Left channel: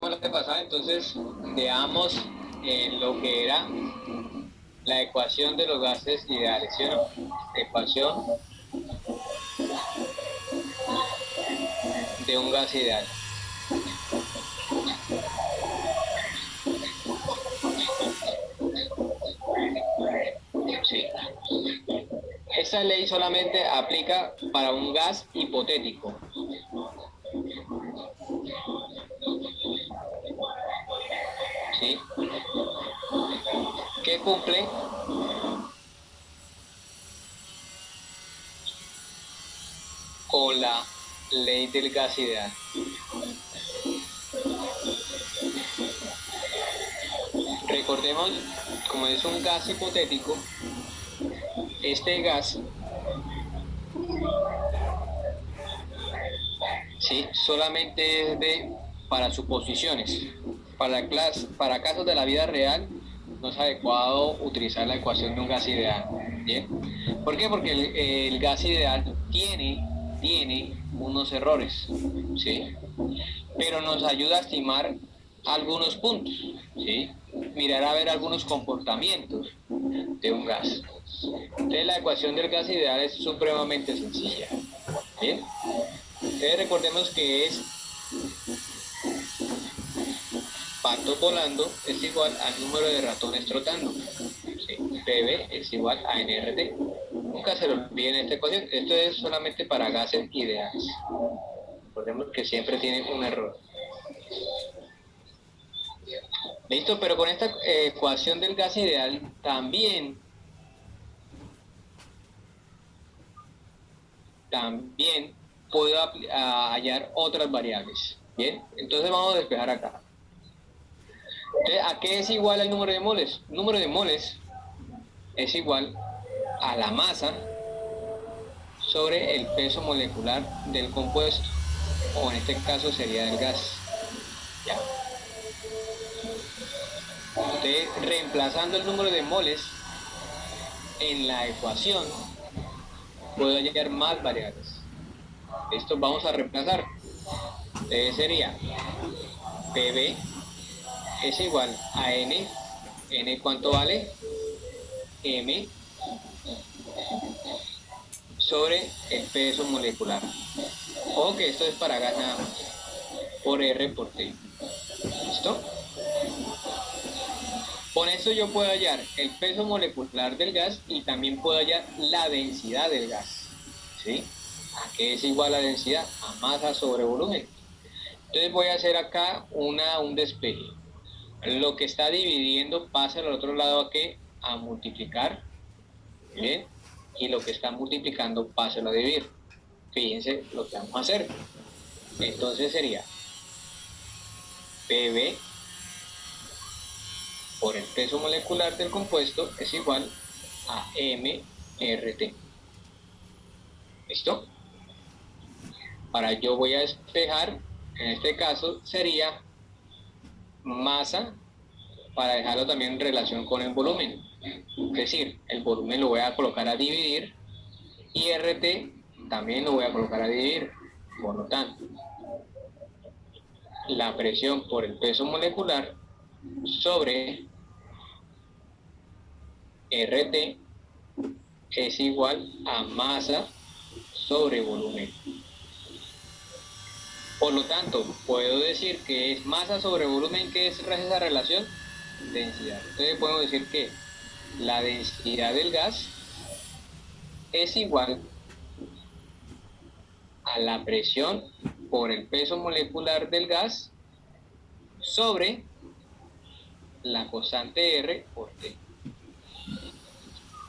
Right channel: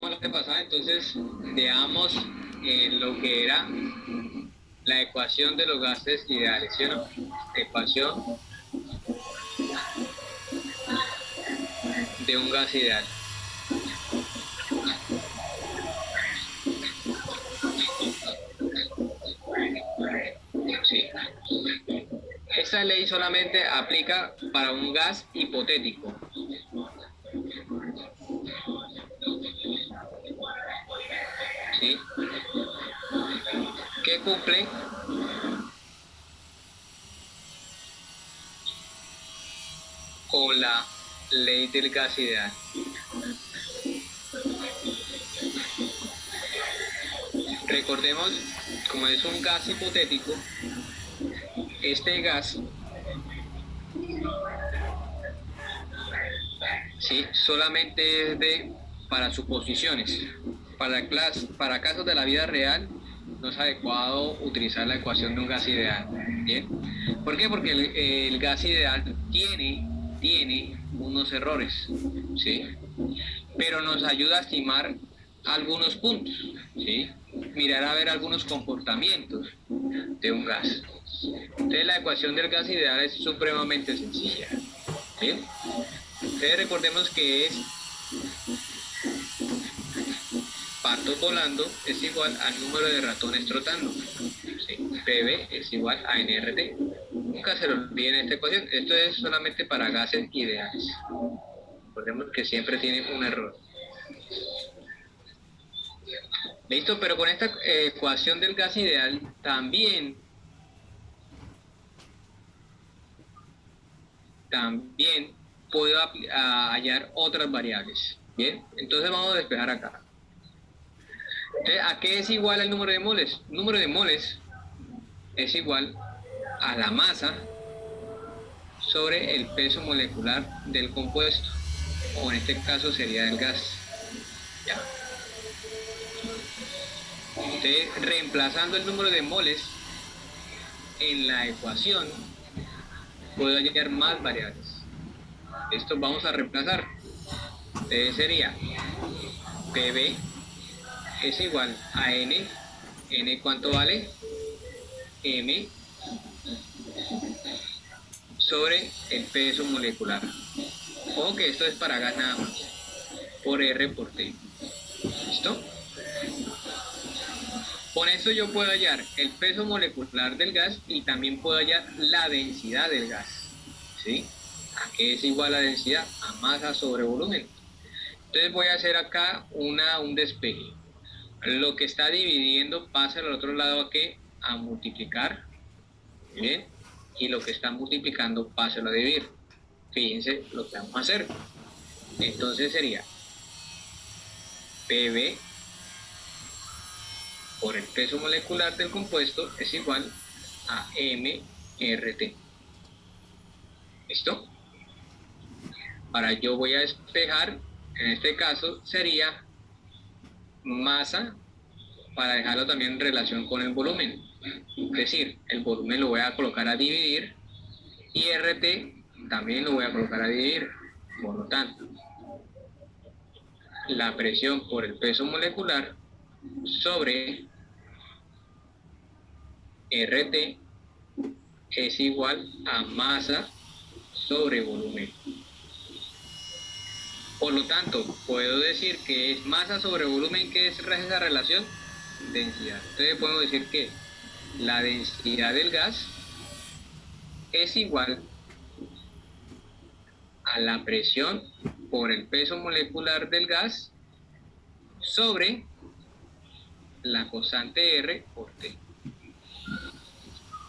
Lo que pasaba, entonces veamos lo que era la ecuación de los gases ideales, ¿sí o no? Ecuación de un gas ideal. Sí. Esta ley solamente aplica para un gas hipotético, ¿sí? Que cumple con la ley del gas ideal. Recordemos, como es un gas hipotético, este gas, ¿sí? Solamente es para suposiciones. Para casos de la vida real, no es adecuado utilizar la ecuación de un gas ideal. ¿Bien? ¿Por qué? Porque el gas ideal tiene unos errores, ¿sí? Pero nos ayuda a estimar algunos puntos, ¿sí? Mirar a ver algunos comportamientos de un gas. Entonces la ecuación del gas ideal es supremamente sencilla. ¿Bien? Entonces recordemos que es patos volando es igual al número de ratones trotando. ¿Sí? PV es igual a NRT. Nunca se lo olviden esta ecuación. Esto es solamente para gases ideales. Recordemos que siempre tienen un error. Listo, pero con esta ecuación del gas ideal también puedo hallar otras variables. Bien, entonces vamos a despejar acá. Entonces, ¿a qué es igual el número de moles? El número de moles es igual a la masa sobre el peso molecular del compuesto, o en este caso sería del gas. ¿Ya? Entonces, reemplazando el número de moles en la ecuación, puedo hallar más variables. Esto vamos a reemplazar. Entonces sería PB es igual a N. N, ¿cuánto vale? M sobre el peso molecular. Ojo que esto es para gas nada más. Por R por T. ¿Listo? Con esto yo puedo hallar el peso molecular del gas y también puedo hallar la densidad del gas. ¿Sí? ¿A qué es igual la densidad? A masa sobre volumen. Entonces voy a hacer acá un despeje. Lo que está dividiendo pasa al otro lado a qué? A multiplicar. ¿Bien? Y lo que está multiplicando pasa a dividir. Fíjense lo que vamos a hacer. Entonces sería PB por el peso molecular del compuesto es igual a MRT. ¿Listo? Ahora yo voy a despejar, en este caso sería masa, para dejarlo también en relación con el volumen. Es decir, el volumen lo voy a colocar a dividir y RT también lo voy a colocar a dividir. Por lo tanto, la presión por el peso molecular sobre RT es igual a masa sobre volumen. Por lo tanto, puedo decir que es masa sobre volumen, que es esa relación, densidad. Entonces podemos decir que la densidad del gas es igual a la presión por el peso molecular del gas sobre la constante R por T.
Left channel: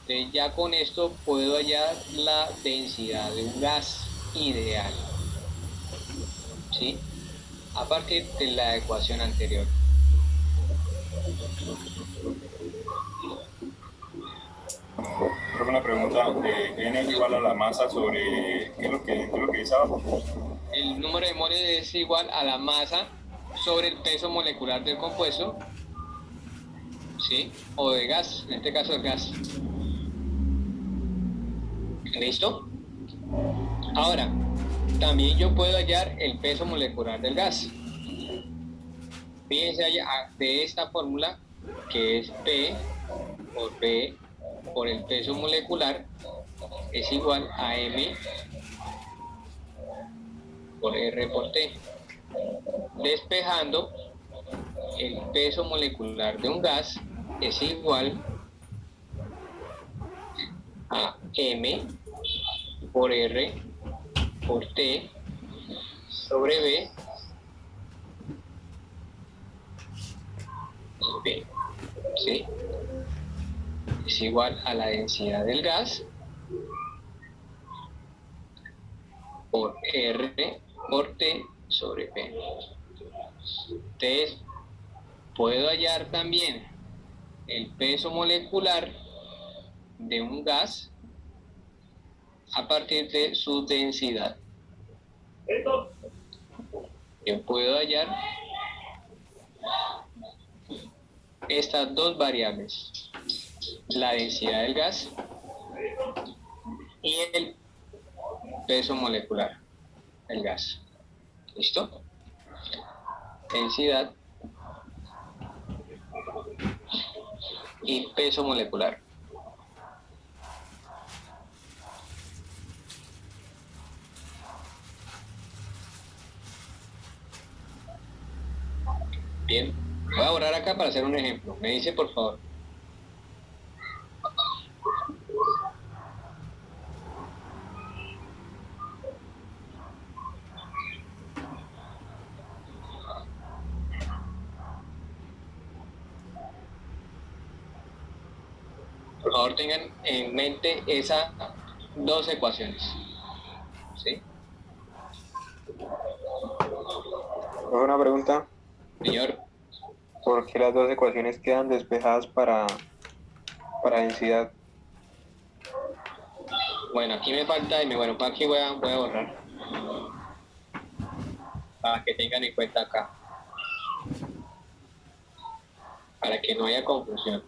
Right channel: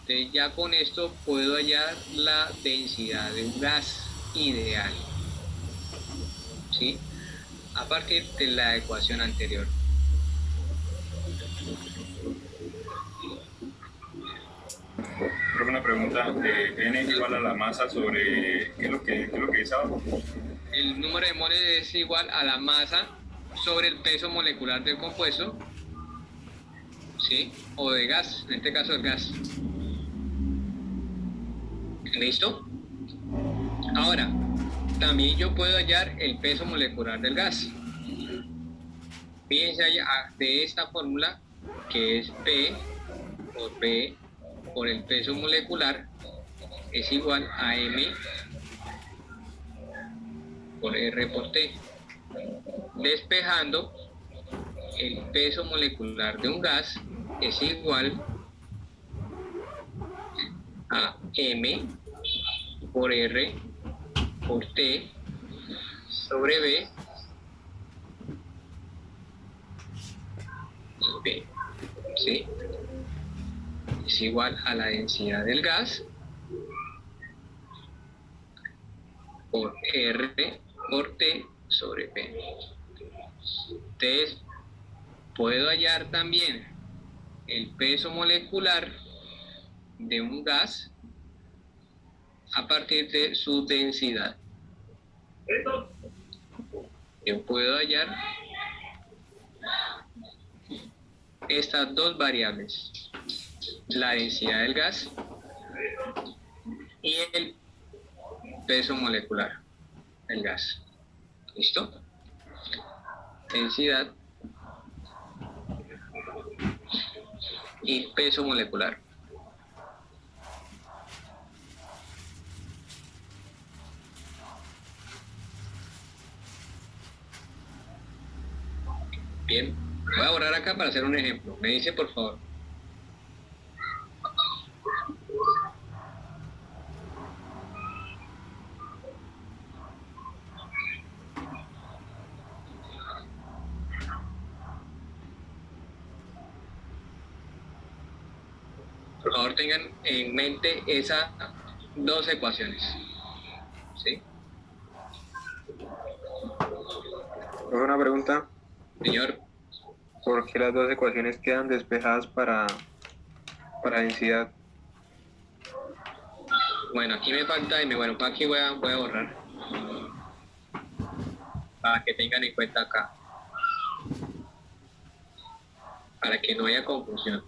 Entonces ya con esto puedo hallar la densidad de un gas ideal, ¿sí? A partir de la ecuación anterior. Creo que una pregunta, N es igual a la masa sobre, ¿qué es lo que dice abajo? El número de moles es igual a la masa sobre el peso molecular del compuesto, ¿sí? O de gas, en este caso el gas. ¿Listo? Ahora, también yo puedo hallar el peso molecular del gas. Fíjense allá de esta fórmula que es P por B por el peso molecular es igual a M por R por T. Despejando, el peso molecular de un gas es igual a M por R por T sobre B, B, ¿sí? Es igual a la densidad del gas por R por T sobre P. Entonces, puedo hallar también el peso molecular de un gas a partir de su densidad. Yo puedo hallar estas dos variables, la densidad del gas y el peso molecular del gas. ¿Listo? Densidad y peso molecular. Bien, voy a borrar acá para hacer un ejemplo. Me dice, por favor. Por favor, tengan en mente esas dos ecuaciones. ¿Sí? Una pregunta, Señor, ¿por qué las dos ecuaciones quedan despejadas para densidad? bueno, aquí me falta M. Bueno, pues aquí voy a borrar. Para que tengan en cuenta acá. Para que no haya confusión.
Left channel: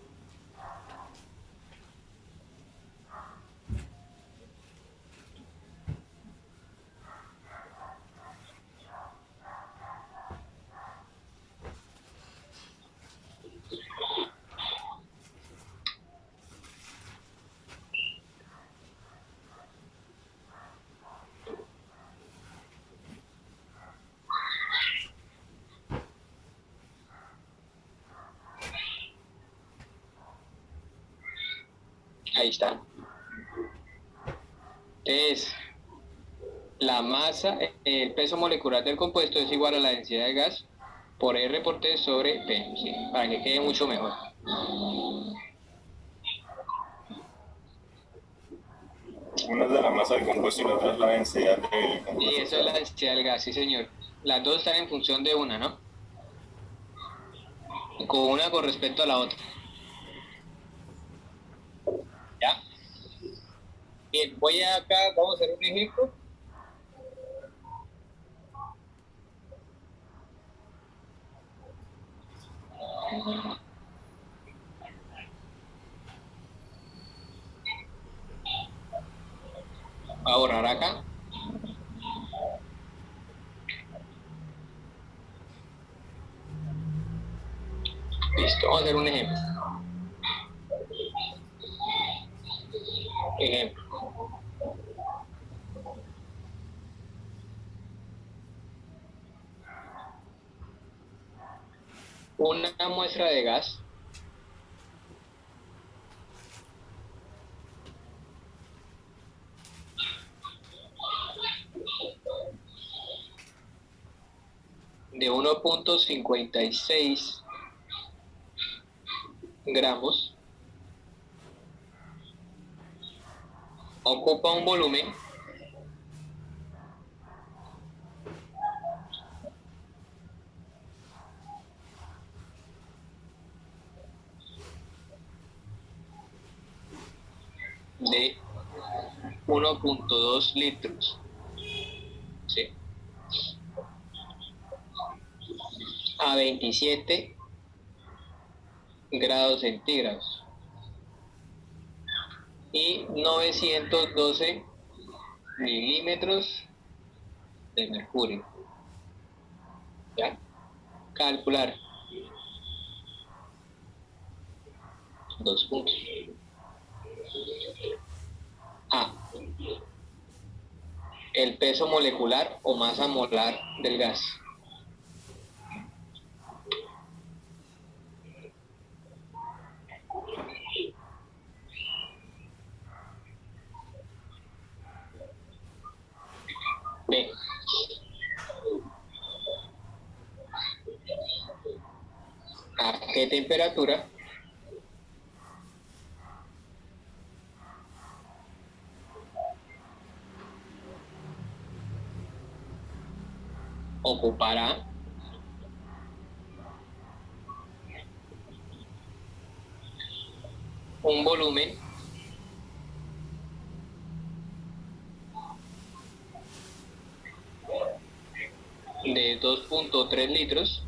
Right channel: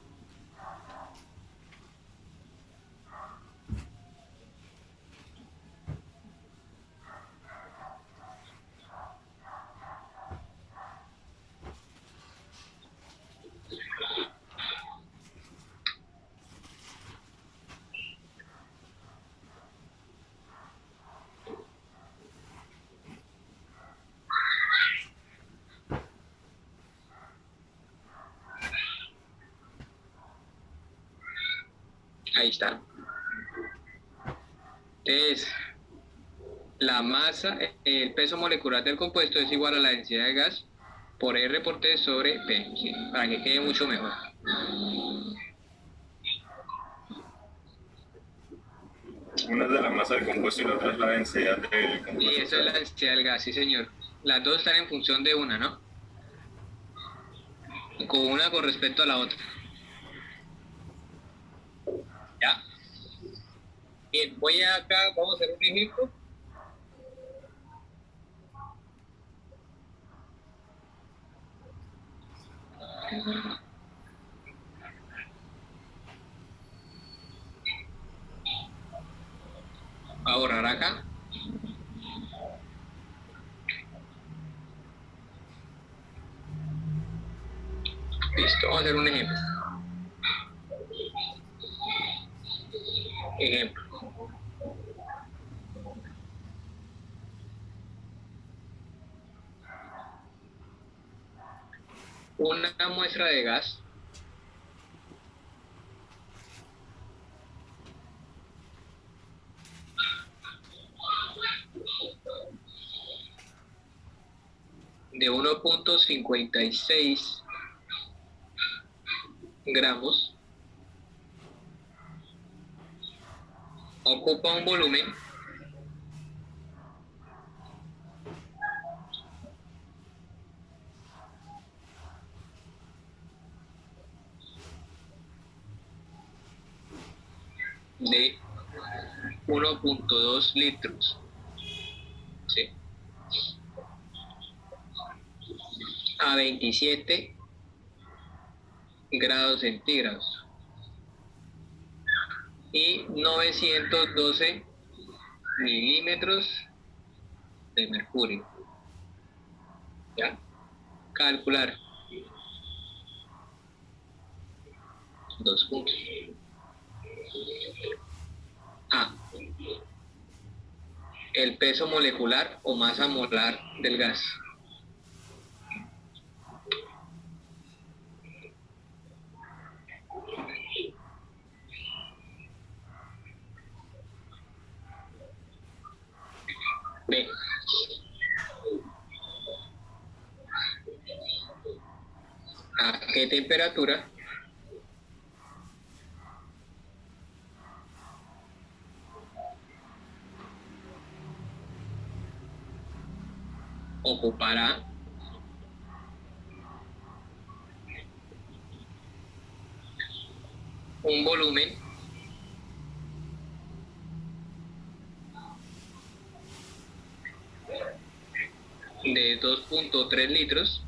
Ahí está. Entonces, la masa, el peso molecular del compuesto es igual a la densidad de gas por R por T sobre P, ¿sí? Para que quede mucho mejor. Una es de la masa del compuesto y la otra es la densidad del Y compuesto. eso es la densidad del gas, sí señor. Las dos están en función de una, ¿no? Con una con respecto a la otra. ¿Ya? Bien, voy acá, vamos a hacer un ejemplo. Voy a borrar acá. Listo, vamos a hacer un ejemplo. Ejemplo. Una muestra de gas de 1.56 gramos ocupa un volumen de 1.2 litros, ¿sí? A 27 grados centígrados y 912 milímetros de mercurio. ¿Ya? Calcular Dos puntos. A. El peso molecular o masa molar del gas. B. ¿A qué temperatura ocupará un volumen de 2.3 litros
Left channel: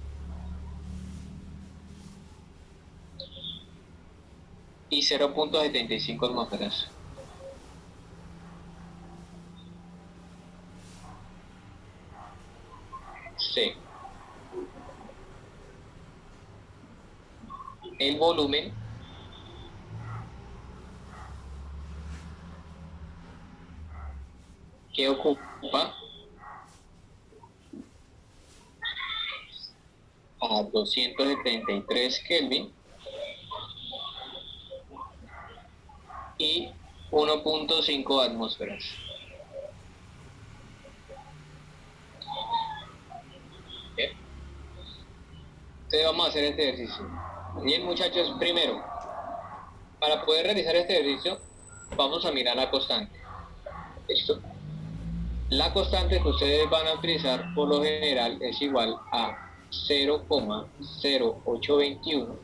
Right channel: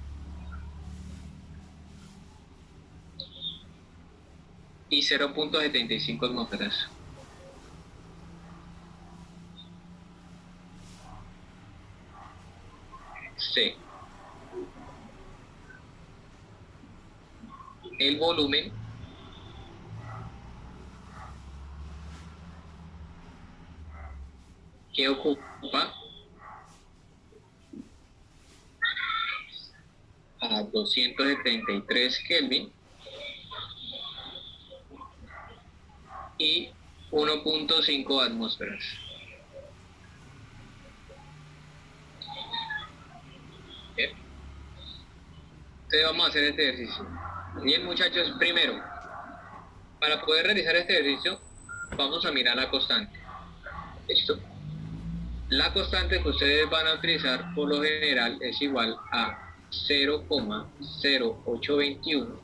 y 0.75 atmósferas? C. El volumen que ocupa a 273 Kelvin y 1.5 atmósferas. Bien. Entonces vamos a hacer este ejercicio. Bien, muchachos, primero, para poder realizar este ejercicio, vamos a mirar la constante. ¿Listo? La constante que ustedes van a utilizar por lo general es igual a 0,0821,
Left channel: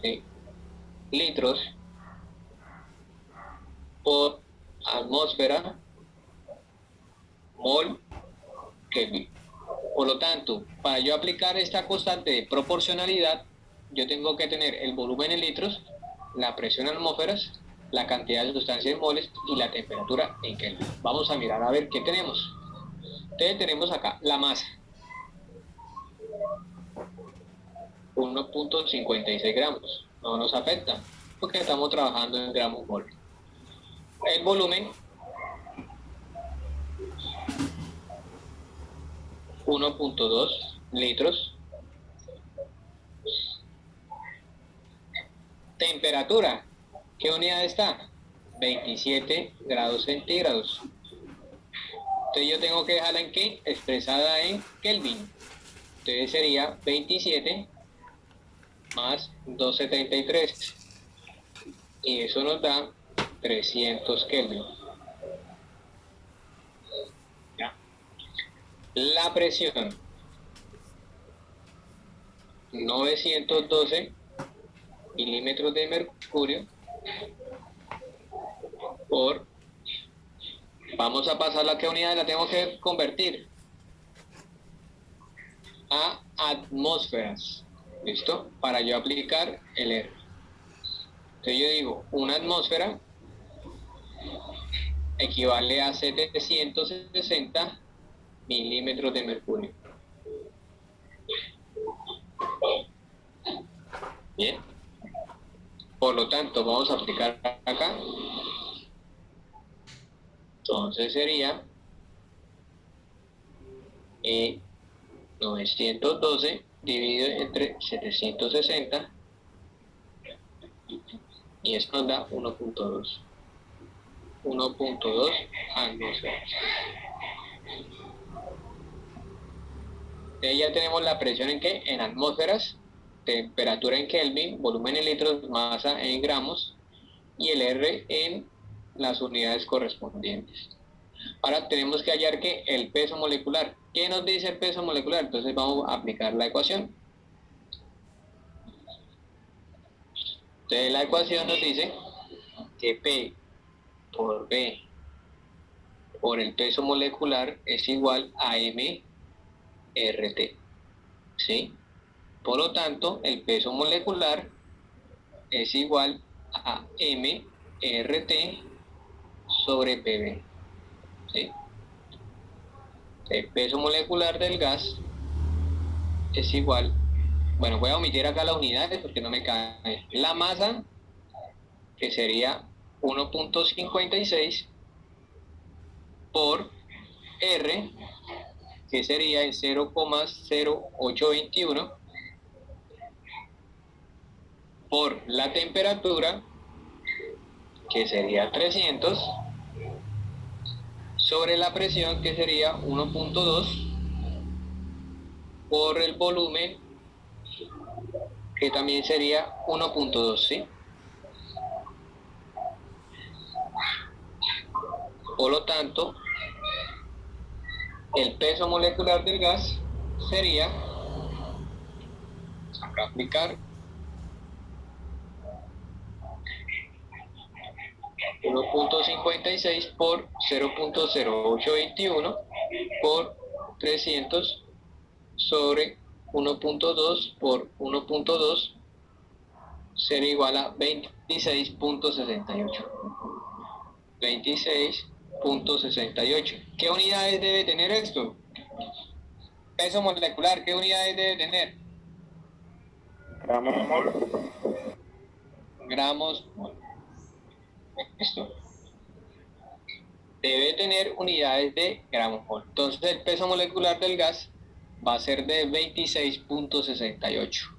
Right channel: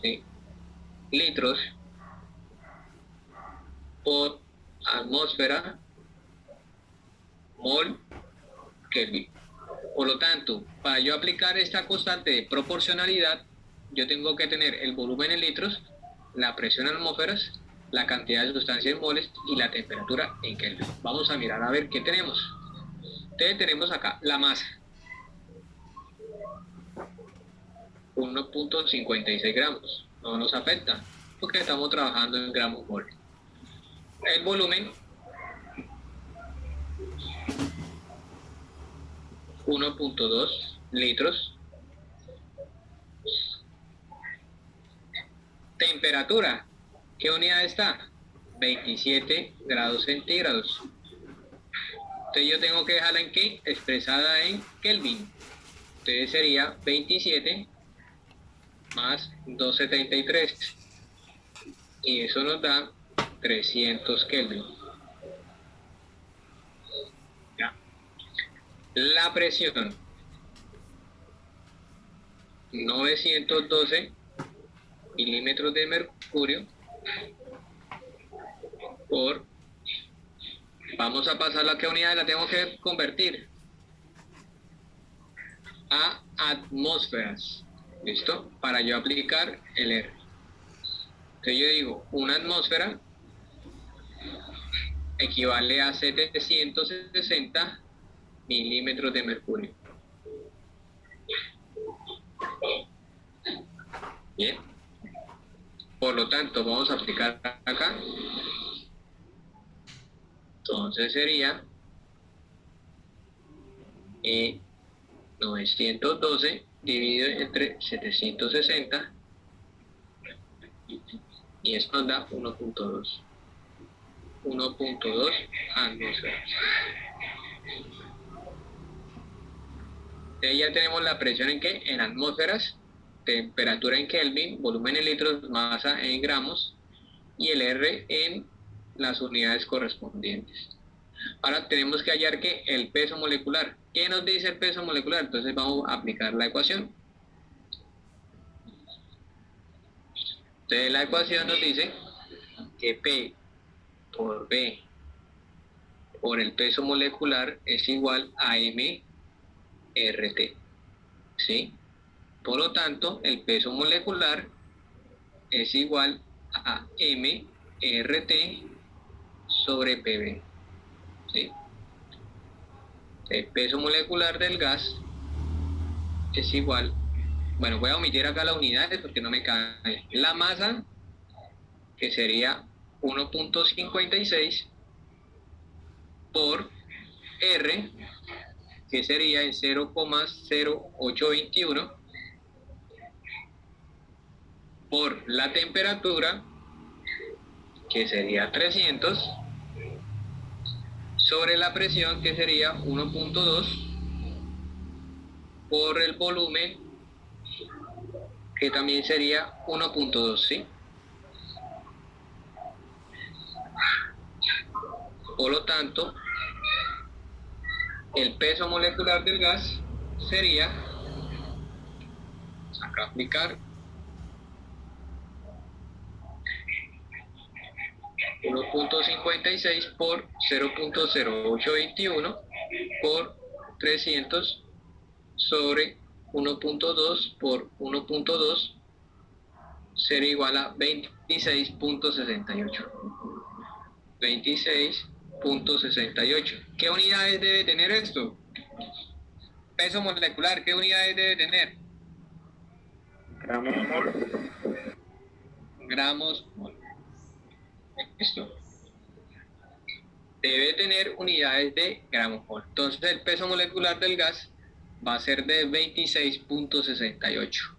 ¿sí?, litros por atmósfera mol Kelvin. Por lo tanto, para yo aplicar esta constante de proporcionalidad, yo tengo que tener el volumen en litros, la presión en atmósferas, la cantidad de sustancia en moles y la temperatura en Kelvin. Vamos a mirar a ver qué tenemos. Entonces tenemos acá la masa, 1.56 gramos. No nos afecta porque estamos trabajando en gramos mol. El volumen, 1.2 litros. Temperatura, ¿qué unidad está? 27 grados centígrados. Entonces yo tengo que dejarla en ¿qué? Expresada en Kelvin. Entonces sería 27 más 273. Y eso nos da 300 Kelvin. ¿Ya? La presión, 912 milímetros de mercurio por, vamos a pasar a qué unidad la tengo que convertir, a atmósferas. ¿Listo? Para yo aplicar el R. Entonces yo digo, una atmósfera equivale a 760 milímetros de mercurio. Bien. Por lo tanto, vamos a aplicar acá. Entonces sería 912 dividido entre 760 y esto nos da 1.2 atmósferas. Entonces ya tenemos la presión en ¿qué? En atmósferas, temperatura en Kelvin, volumen en litros, masa en gramos y el R en las unidades correspondientes. Ahora tenemos que hallar que el peso molecular. ¿Qué nos dice el peso molecular? Entonces vamos a aplicar la ecuación. Entonces la ecuación nos dice que P por B por el peso molecular es igual a MRT. ¿Sí? Por lo tanto, el peso molecular es igual a MRT sobre PB. ¿Sí? El peso molecular del gas es igual bueno, voy a omitir acá las unidades porque no me cabe. La masa, que sería 1.56 por R, que sería en 0,0821, por la temperatura, que sería 300, sobre la presión, que sería 1.2, por el volumen, que también sería 1.2, ¿sí? Por lo tanto, el peso molecular del gas sería, acá aplicar, 1.56 por 0.0821 por 300 sobre 1.2 por 1.2 será igual a 26.68. 26.68. ¿Qué unidades debe tener esto? Peso molecular, ¿qué unidades debe tener? Gramos mol. Gramos mol. Esto debe tener unidades de gramos mol. Entonces el peso molecular del gas va a ser de 26.68.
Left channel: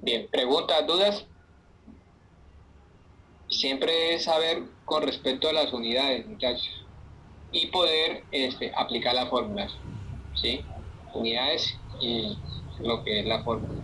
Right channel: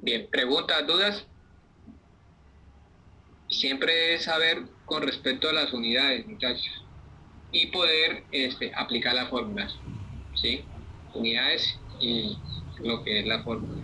Bien, preguntas, dudas. Siempre es saber con respecto a las unidades, muchachos, y poder aplicar las fórmulas, ¿sí? Unidades y lo que es la fórmula.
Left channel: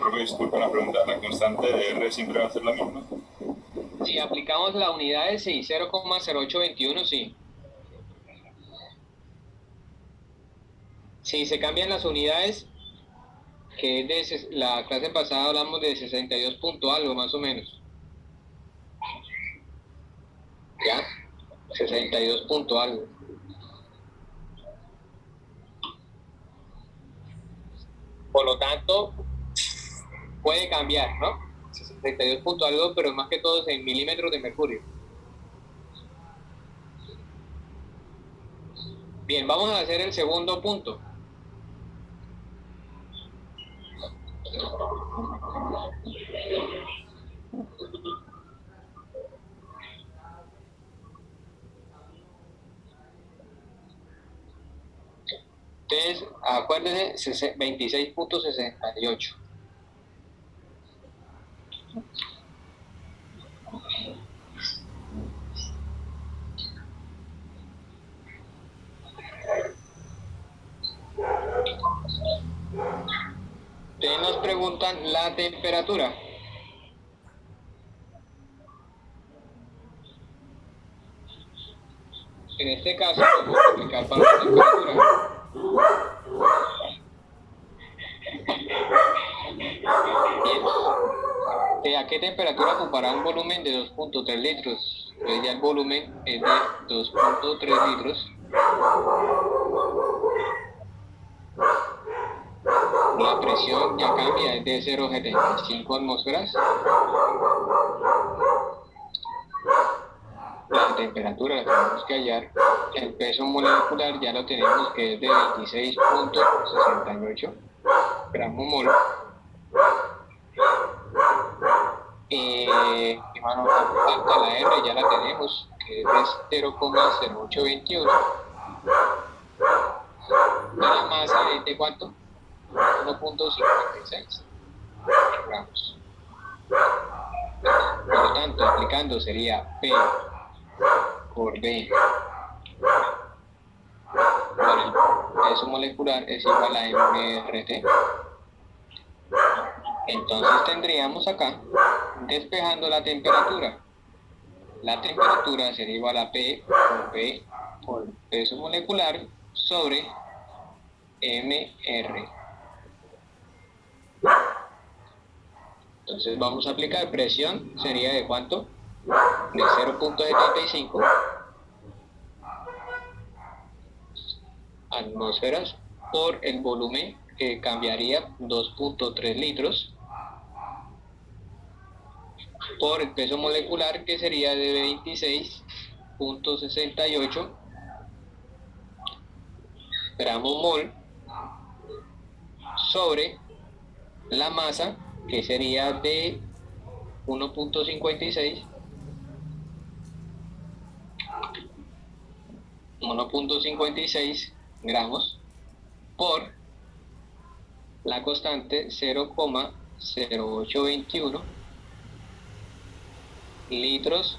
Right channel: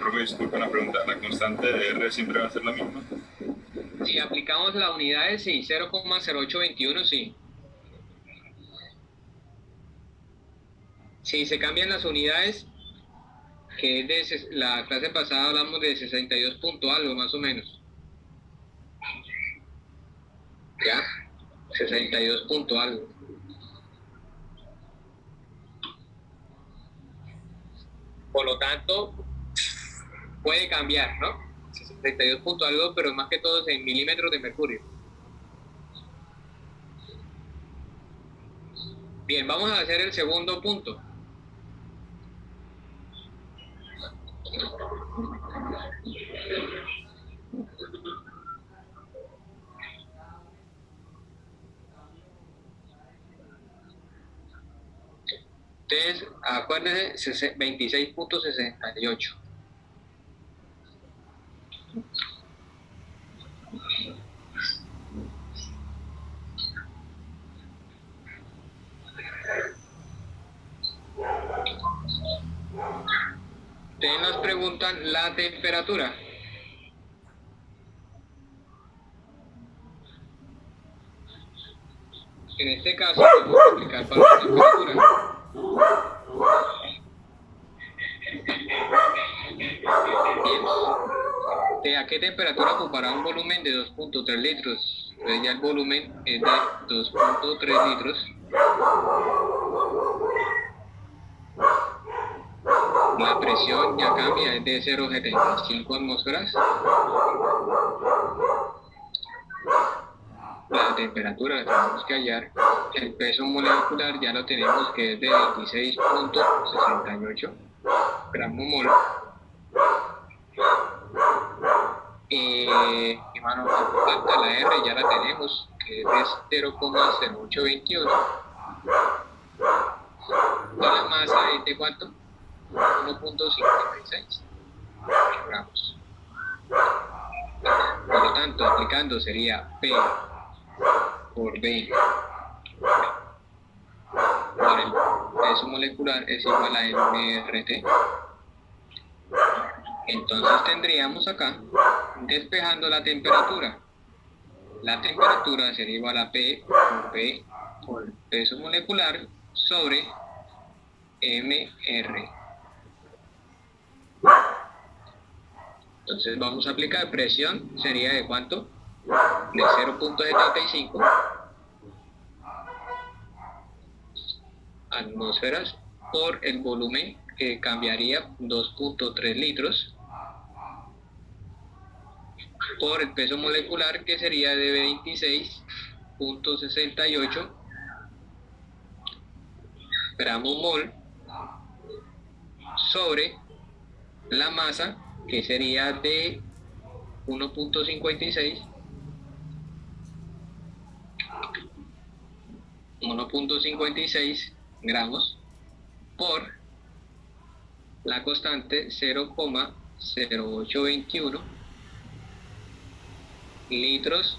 Profe, disculpa una pregunta. ¿La constante de R siempre va a ser la misma? Si aplicamos las unidades, sí, 0,0821, sí. Si se cambian las unidades, que es la clase pasada hablamos de 62 punto algo, más o menos. ¿Ya? 62 punto algo. Por lo tanto, puede cambiar, ¿no? 62 punto algo, pero más que todo es en milímetros de mercurio. Bien, vamos a hacer el segundo punto. Entonces, acuérdense, 26.68. Ustedes nos preguntan la temperatura. En este caso, vamos a aplicar para la temperatura. Bien. ¿A qué temperatura ocupará un volumen de 2.3 litros? Entonces ya el volumen es de 2.3 litros. La presión ya cambia, es de 0,75 atmósferas. La temperatura la tenemos que hallar. El peso molecular ya lo tenemos, que es de 26.68 gramos mol. Y mano, falta la R, ya la tenemos, que es de 0,0821. La masa es de ¿cuánto? 1.56. gramos. Por lo tanto, aplicando sería P por B por el peso molecular es igual a mRT. Entonces tendríamos acá, despejando la temperatura. La temperatura sería igual a P por B por el peso molecular sobre mR. Entonces vamos a aplicar presión, sería de ¿cuánto? De 0.75 atmósferas por el volumen, que cambiaría 2.3 litros, por el peso molecular, que sería de 26.68 gramos mol, sobre la masa, que sería de 1.56 gramos, por la constante 0,0821 litros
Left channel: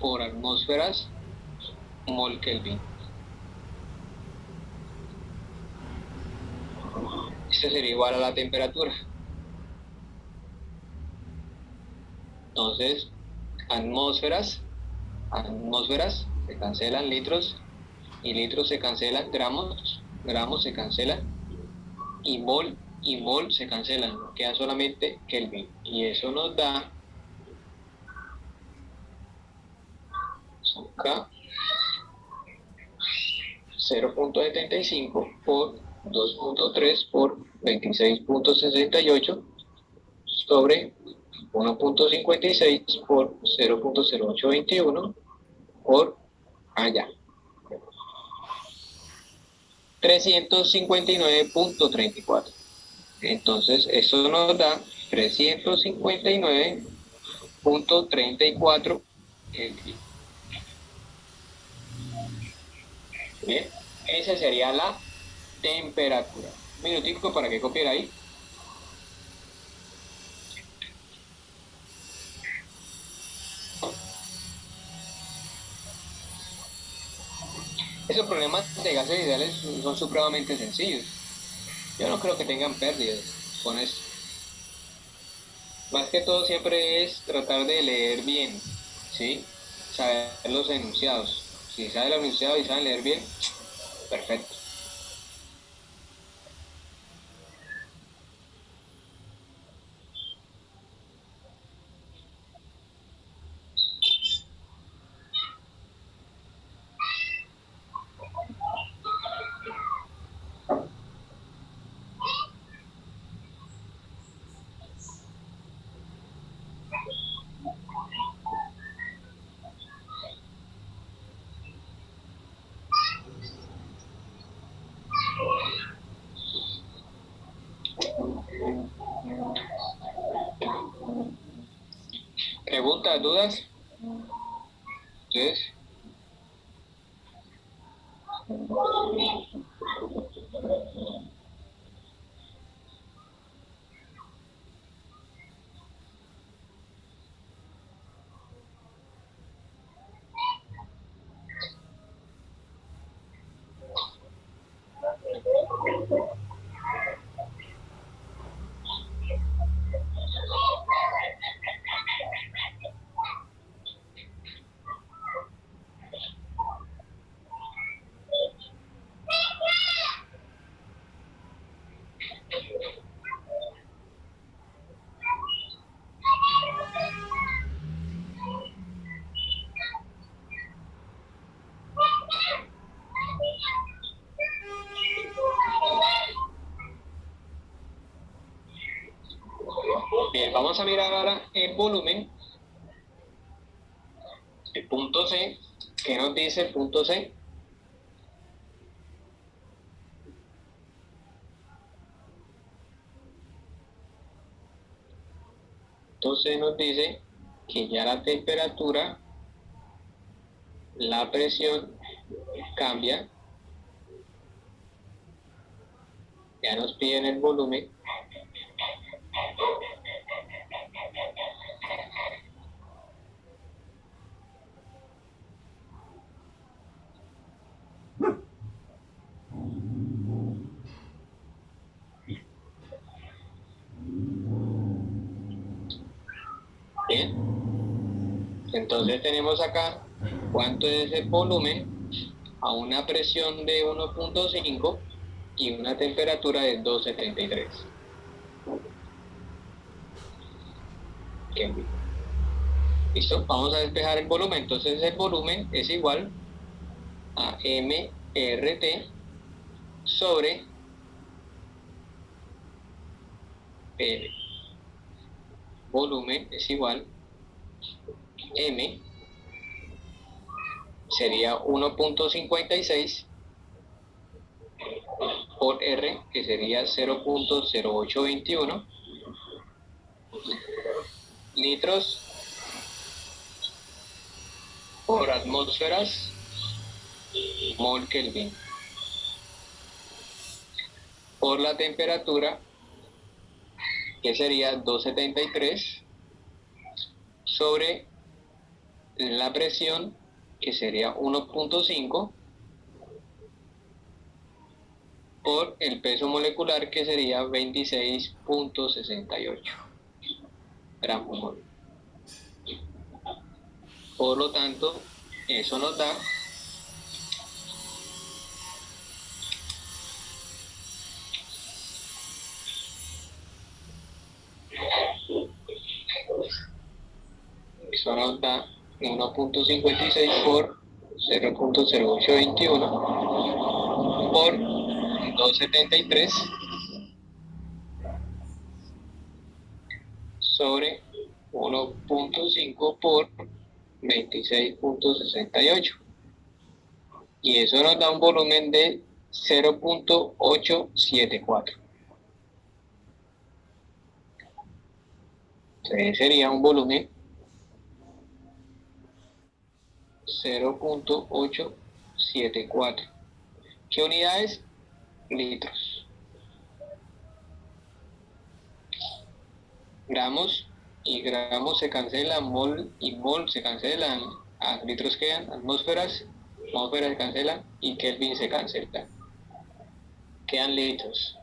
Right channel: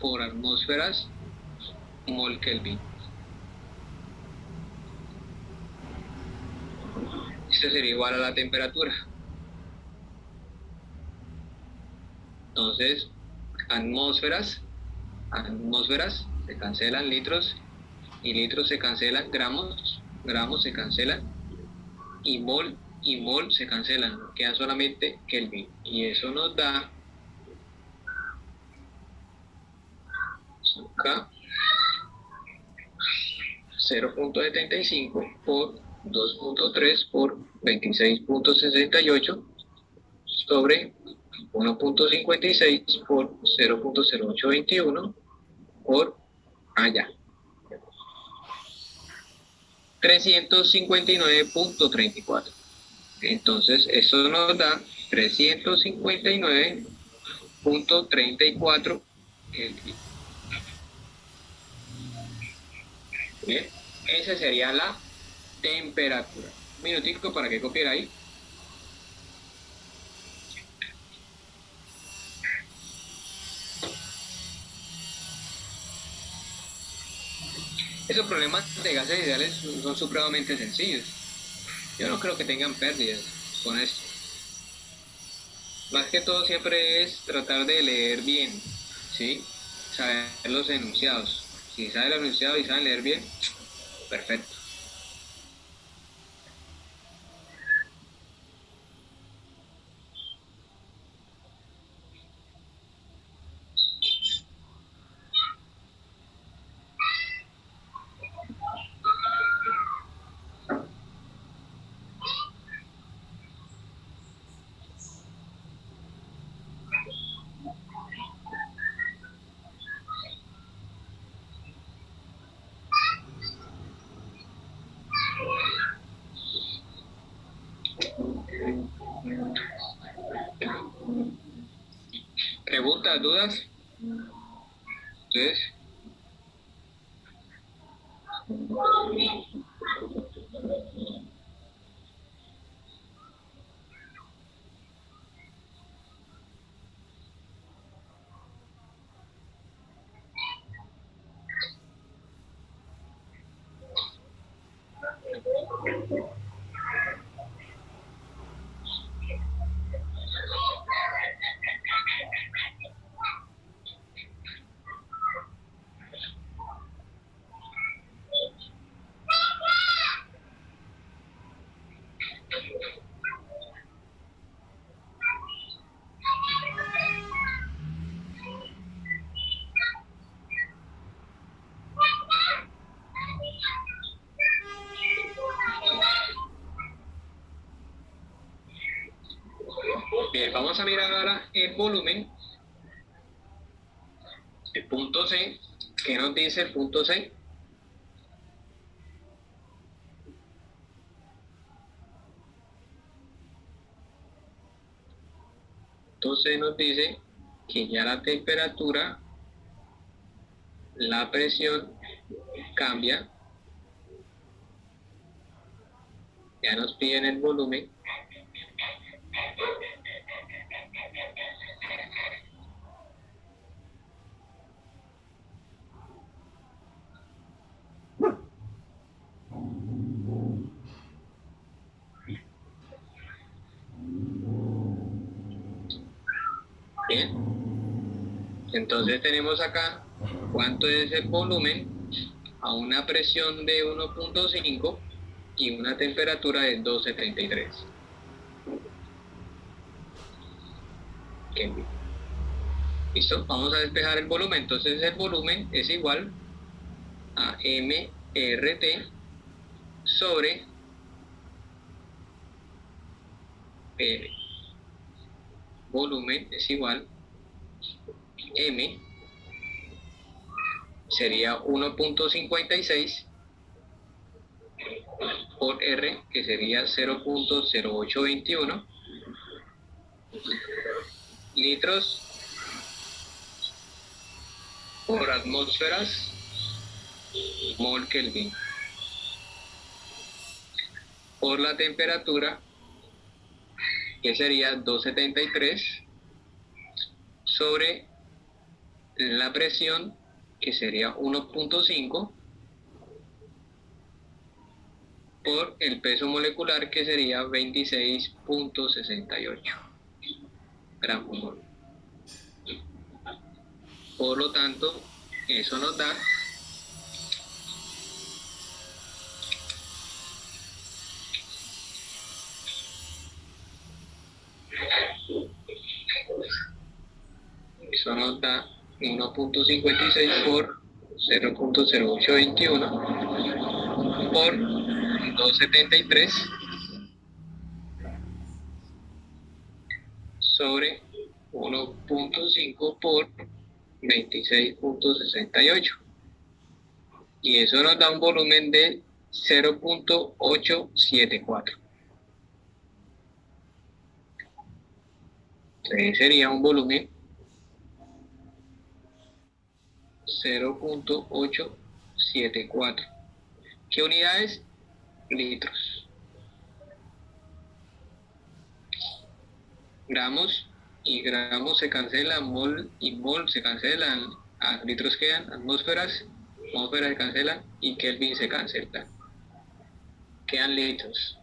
por atmósferas mol Kelvin. Esto sería igual a la temperatura. Entonces, atmósferas se cancelan litros, y litros se cancelan gramos, gramos se cancelan, y mol se cancelan, queda solamente Kelvin, y eso nos da acá 0.75 por 2.3 por 26.68 sobre 1.56 por 0.0821 por allá. 359.34. Entonces, eso nos da 359.34 Kelvin. Bien, esa sería la temperatura. Un minutico para que copie ahí. Esos problemas de gases ideales son supremamente sencillos. Yo no creo que tengan pérdidas con esto. Más que todo siempre es tratar de leer bien, ¿sí? Saber los enunciados. Si saben el enunciado y saben leer bien, perfecto. ¿Preguntas, dudas? ¿Ustedes? Bien, vamos a mirar ahora el volumen, el punto C. ¿Qué nos dice el punto C? Entonces nos dice que ya la temperatura, la presión cambia. Ya nos piden el volumen, Bien, entonces tenemos acá cuánto es el volumen a una presión de 1.5 y una temperatura de 273. Kelvin. ¿Listo? Vamos a despejar el volumen. Entonces el volumen es igual a mRT sobre PL. Volumen es igual M sería 1.56 por R, que sería 0.0821 litros por atmósferas mol Kelvin. Por la temperatura, que sería 273 sobre la presión, que sería 1.5 por el peso molecular, que sería 26.68 gramos por mol. Por lo tanto, eso nos da eso nos da 1.56 por 0.0821 por 273 sobre 1.5 por 26.68, y eso nos da un volumen de 0.874. Entonces sería un volumen 0.874. ¿Qué unidades? Litros. Gramos y gramos se cancelan, mol y mol se cancelan, a litros quedan, atmósferas se cancelan y Kelvin se cancela. Quedan litros.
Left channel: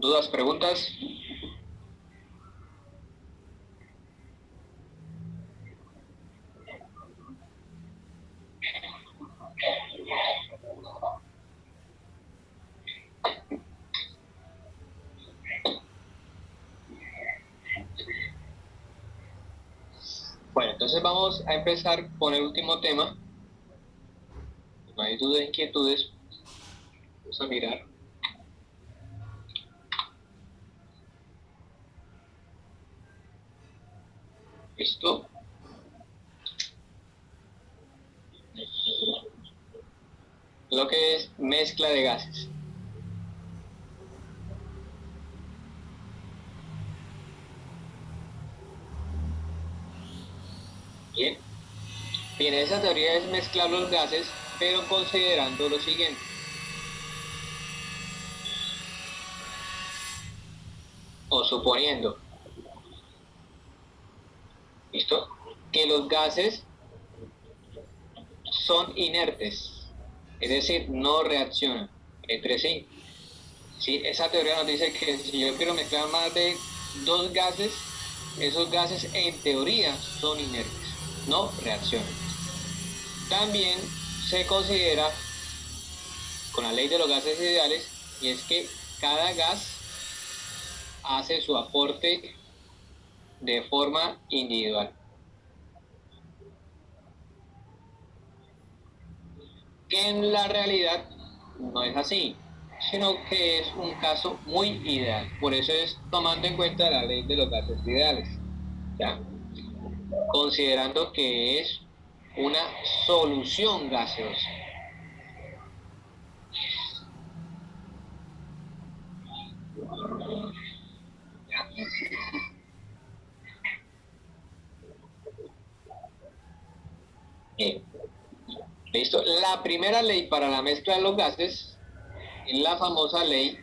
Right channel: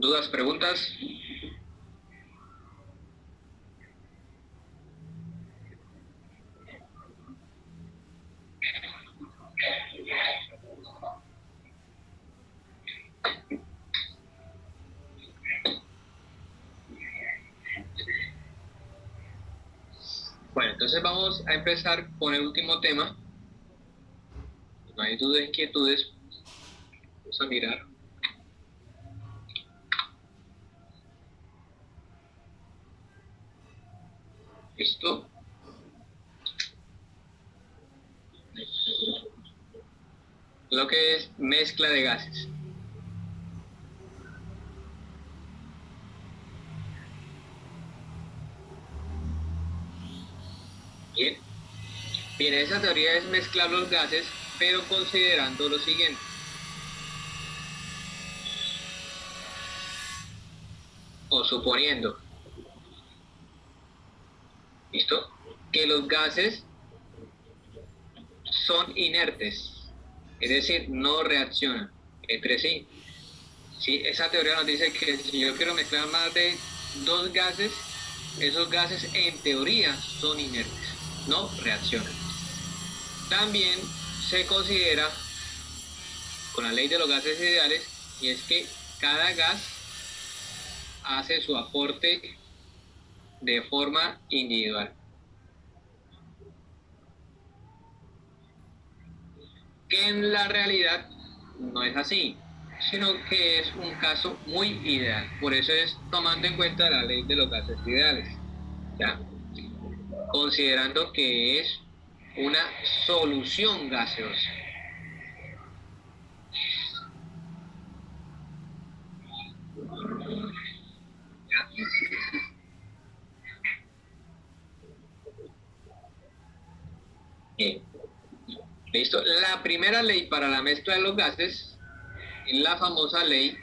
¿Dudas, preguntas? Bueno, entonces vamos a empezar con el último tema. No hay dudas, inquietudes. Vamos a mirar. Esto. Lo que es mezcla de gases. Bien. Bien, esa teoría es mezclar los gases, pero considerando lo siguiente. O suponiendo, ¿listo? Que los gases son inertes, es decir, no reaccionan entre sí. ¿sí? Esa teoría nos dice que si yo quiero mezclar más de dos gases, esos gases en teoría son inertes, no reaccionan. También se considera con la ley de los gases ideales, y es que cada gas hace su aporte de forma individual. Que en la realidad no es así, sino que es un caso muy ideal. Por eso es tomando en cuenta la ley de los gases ideales, ¿ya? Considerando que es una solución gaseosa. Bien. Listo. La primera ley para la mezcla de los gases es la famosa ley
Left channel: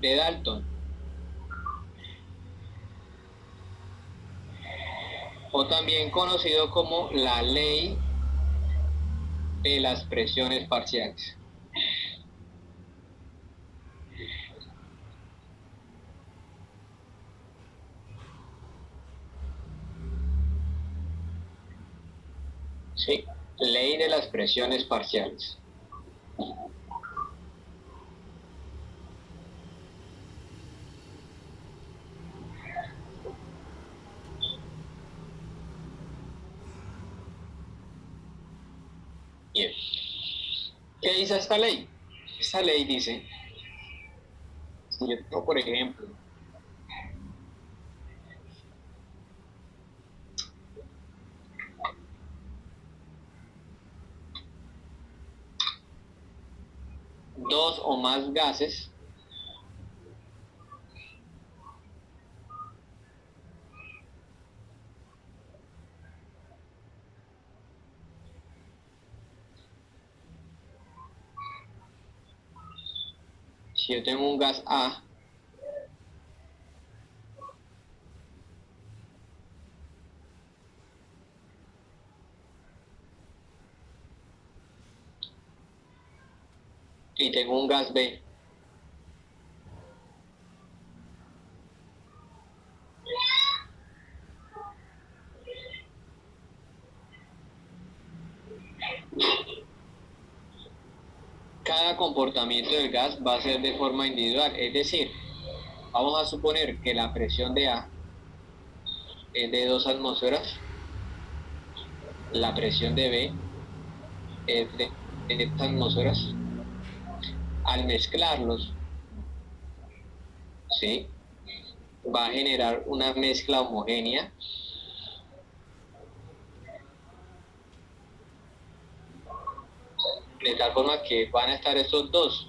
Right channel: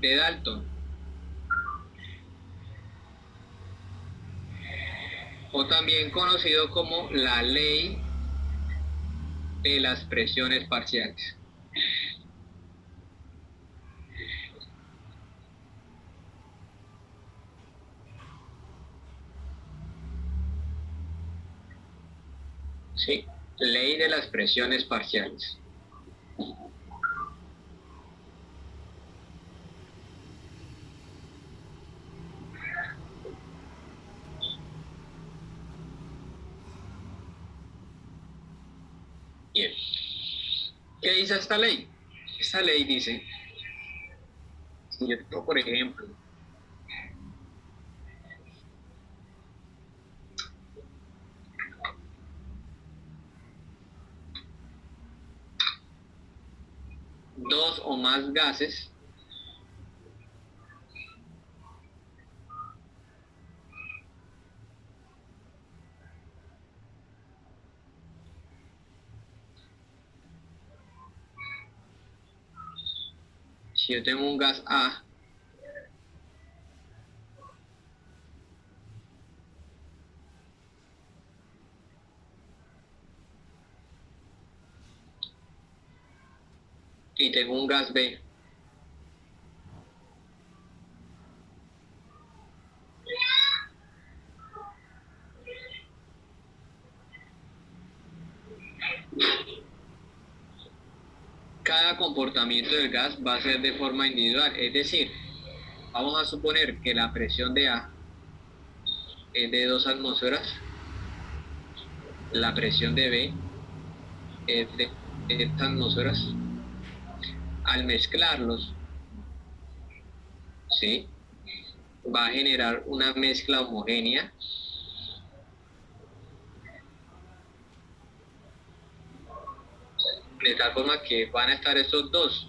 de Dalton, o también conocido como la ley de las presiones parciales. Sí, ley de las presiones parciales. Bien. ¿Qué dice esta ley? Esta ley dice, si yo tengo, por ejemplo, dos o más gases, si yo tengo un gas A y tengo un gas B, cada comportamiento del gas va a ser de forma individual. Es decir, vamos a suponer que la presión de A es de 2 atmósferas, la presión de B es de 10 atmósferas. Al mezclarlos, ¿sí?, va a generar una mezcla homogénea de tal forma que van a estar estos dos.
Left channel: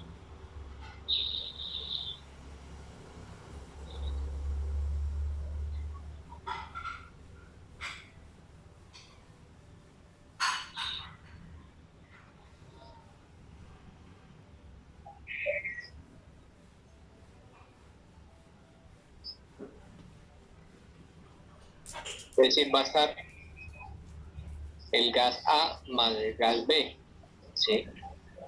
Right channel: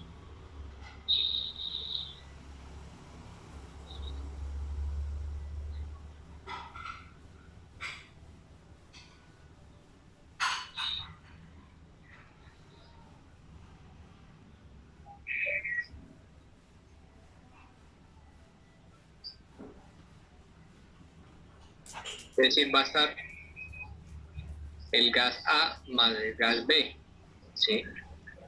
Es decir, va a estar el gas A más el gas B, ¿sí?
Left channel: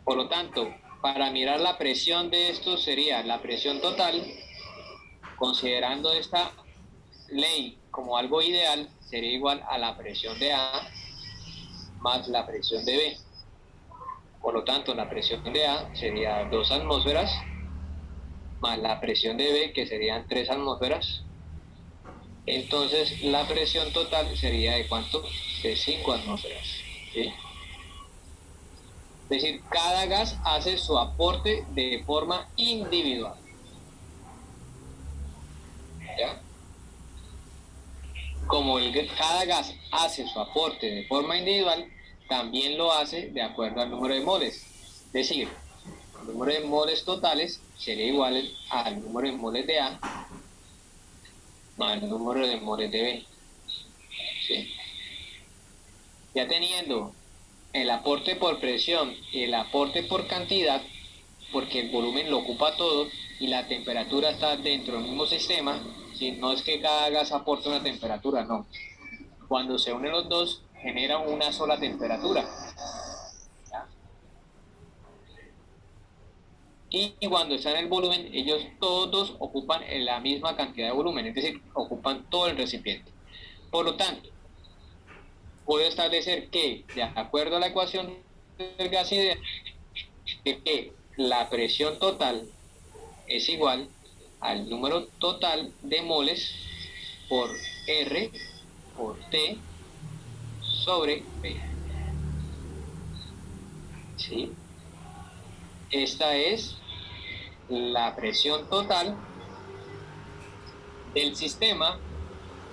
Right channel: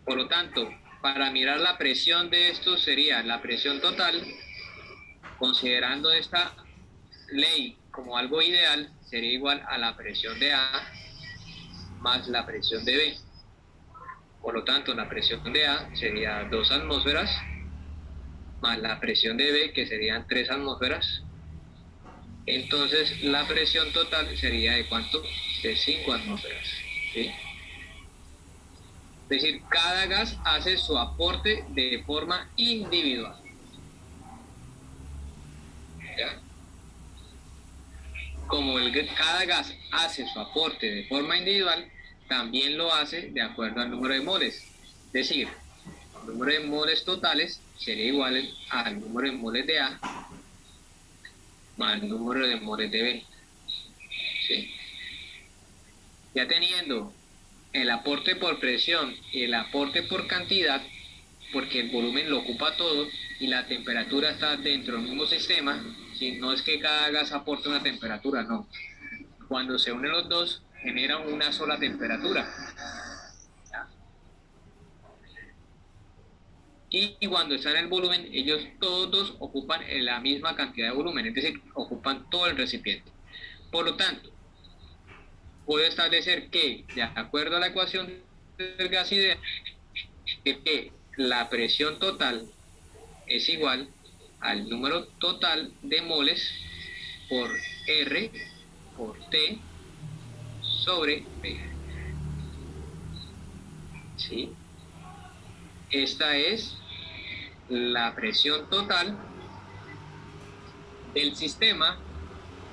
Por lo tanto, para mirar la presión de estos sería la presión total, considerando esta ley como algo ideal, sería igual a la presión de A más la presión de B. Por lo tanto, la presión de A sería 2 atmósferas más la presión de B, que serían 3 atmósferas. Entonces, la presión total sería ¿de cuánto? De 5 atmósferas, ¿sí? Es decir, cada gas hace su aporte de forma individual. ¿Ya? Como cada gas hace su aporte de forma individual, también lo hace de acuerdo al número de moles. Es decir, el número de moles totales sería igual al número de moles de A más el número de moles de B. ¿Sí? Ya teniendo el aporte por presión y el aporte por cantidad, porque el volumen lo ocupa todo y la temperatura está dentro del mismo sistema, ¿sí? No es que cada gas aporte una temperatura, no. Cuando se unen los dos, generan una sola temperatura, ¿ya? y cuando están en el volumen, ellos todos ocupan la misma cantidad de volumen, es decir, ocupan todo el recipiente. Por lo tanto, puedo establecer que, de acuerdo a la ecuación del gas ideal, que la presión total es igual al número total de moles por R por T sobre P. ¿Sí? Esta es la presión total del sistema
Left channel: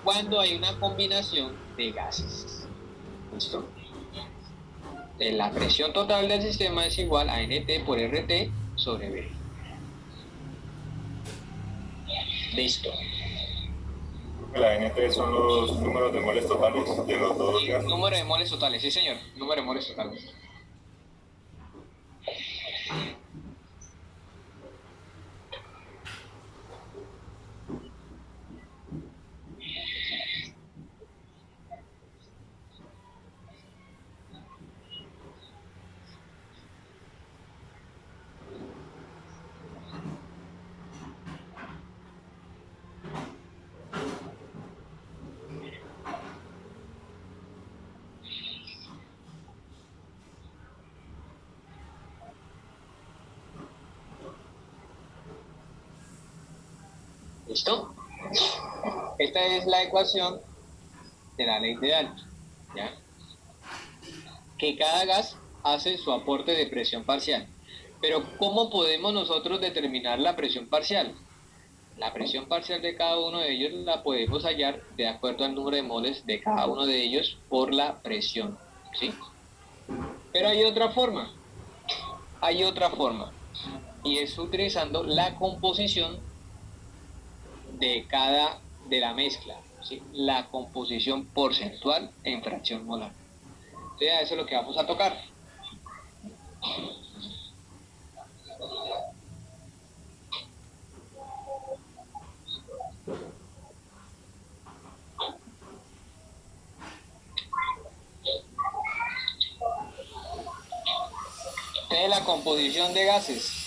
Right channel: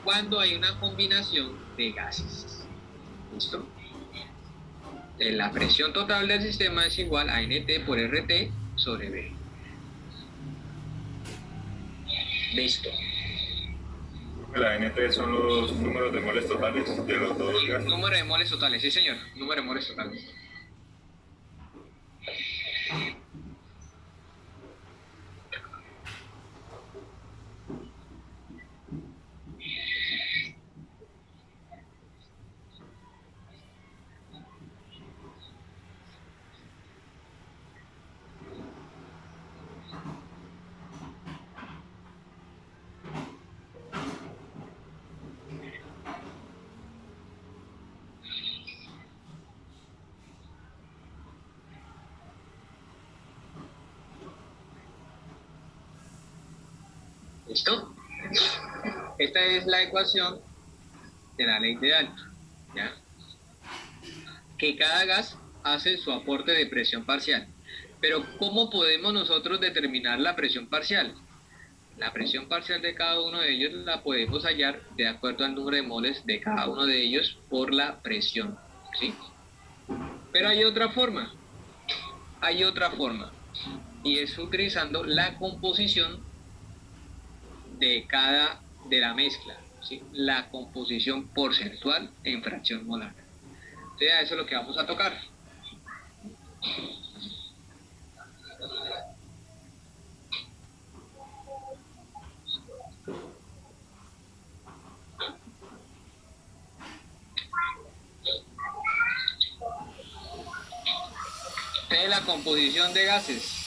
cuando hay una combinación de gases. ¿Listo? La presión total del sistema es igual a NT por RT sobre B. Listo. La NT son los números de moles totales de los dos gases. Número de moles totales, sí señor, número de moles totales. ¿Listo? Esta es la ecuación de la ley de Dalton, ¿ya? Que cada gas hace su aporte de presión parcial. Pero ¿cómo podemos nosotros determinar la presión parcial? La presión parcial de cada uno de ellos la podemos hallar de acuerdo al número de moles de cada uno de ellos por la presión, ¿sí? Pero hay otra forma, y es utilizando la composición de la mezcla, ¿sí? La composición porcentual en fracción molar. Entonces, a eso es lo que vamos a tocar. De la composición de gases.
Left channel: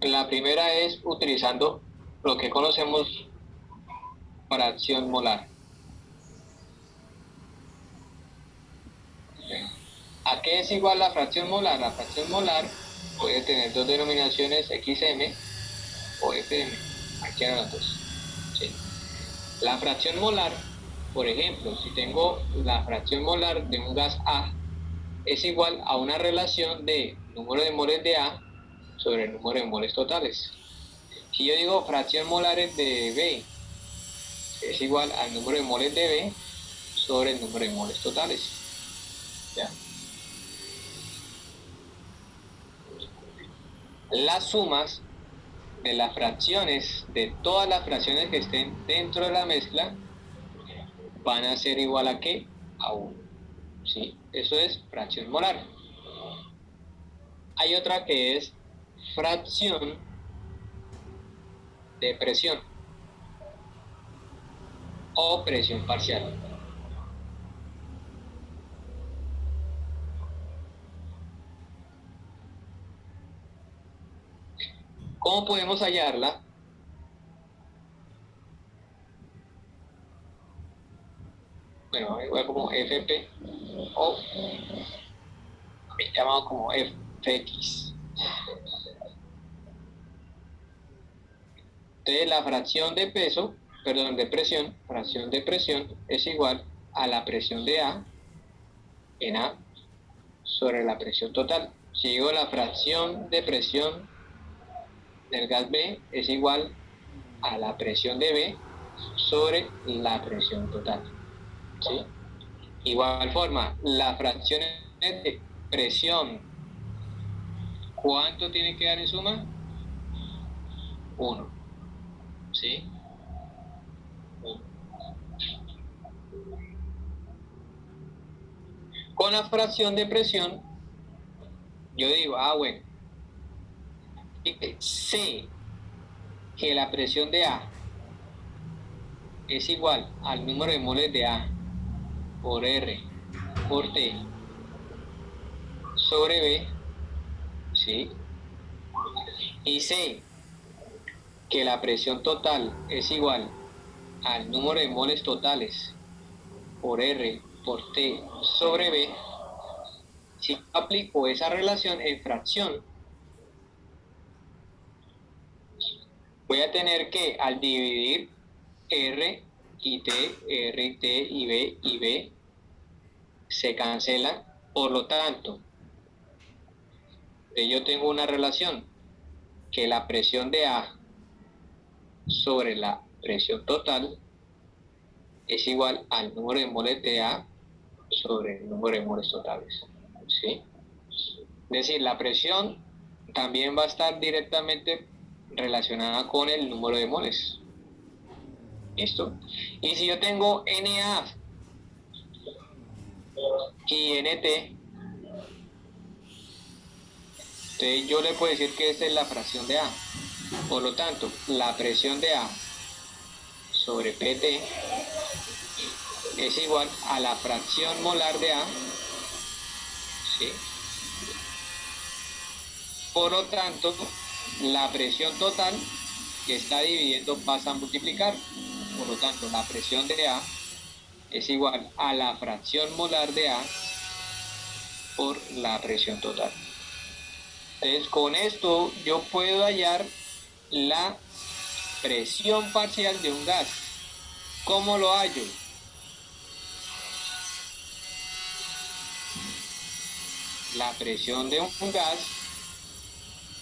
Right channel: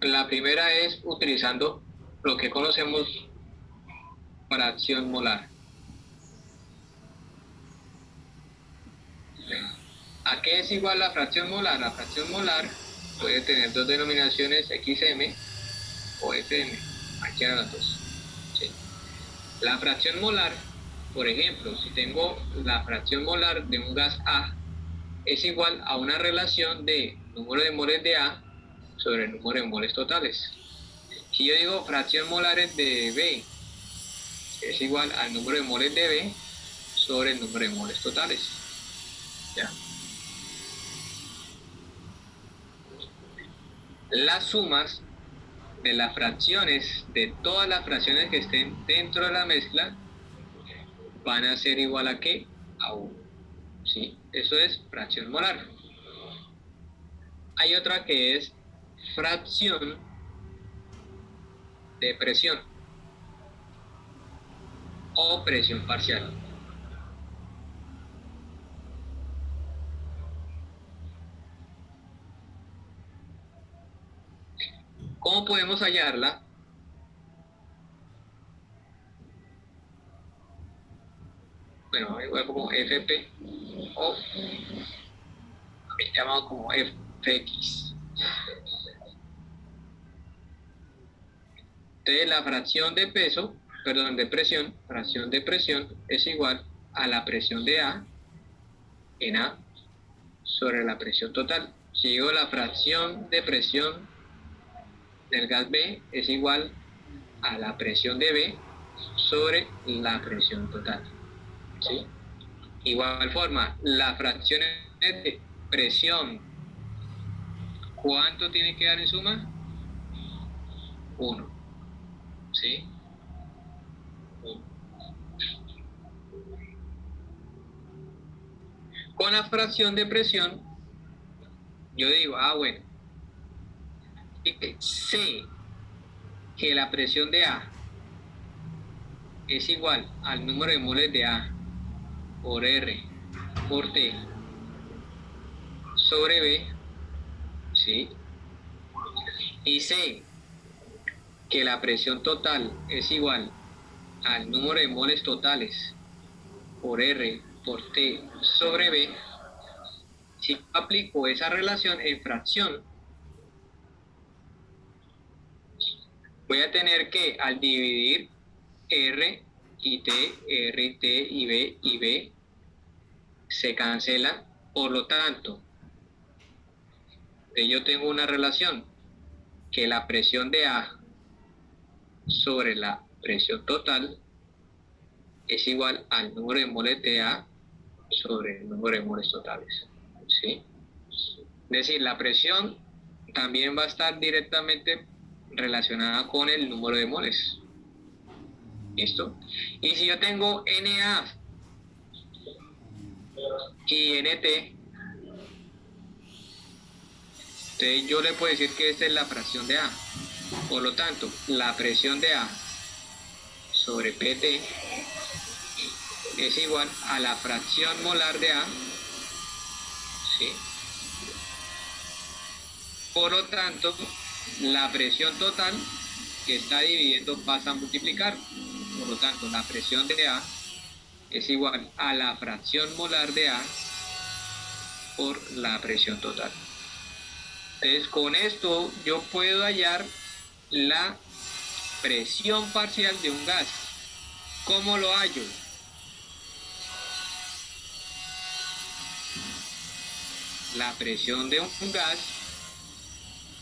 La primera es utilizando lo que conocemos fracción molar. ¿A qué es igual la fracción molar? La fracción molar puede tener dos denominaciones, XM o FM, aquí eran las dos. ¿Sí? La fracción molar, por ejemplo, si tengo la fracción molar de un gas A, es igual a una relación de número de moles de A sobre el número de moles totales. Si yo digo fracción molares de B, es igual al número de moles de B sobre el número de moles totales. ¿Ya? Las sumas de las fracciones, de todas las fracciones que estén dentro de la mezcla, van a ser igual a ¿qué? A 1. ¿Sí? Eso es fracción molar. Hay otra que es fracción de presión o presión parcial. ¿Cómo podemos hallarla? Bueno, igual como FP o llamado como FX. Entonces la fracción de peso, perdón, de presión, fracción de presión es igual a la presión de A en A sobre la presión total. Si digo la fracción de presión del gas B es igual a la presión de B sobre la presión total. ¿Sí? Igual forma, las fracciones de presión, ¿cuánto tiene que dar en suma? 1. ¿Sí? Con la fracción de presión, yo digo, bueno, sé que la presión de A es igual al número de moles de A por R por T sobre B, ¿sí? Y sé que la presión total es igual al número de moles totales por R por T sobre B. Si aplico esa relación en fracción, voy a tener que, al dividir R y T y B, se cancelan. Por lo tanto, yo tengo una relación que la presión de A sobre la presión total es igual al número de moles de A sobre el número de moles totales, ¿sí? Es decir, la presión también va a estar directamente relacionada con el número de moles. ¿Listo? Y si yo tengo Na y Nt, entonces yo le puedo decir que esta es la fracción de A. Por lo tanto, la presión de A sobre Pt es igual a la fracción molar de A, ¿sí? Por lo tanto, la presión total que está dividiendo pasa a multiplicar. Por lo tanto, la presión de A es igual a la fracción molar de A por la presión total. Entonces, con esto yo puedo hallar la presión parcial de un gas. ¿Cómo lo hallo? La presión de un gas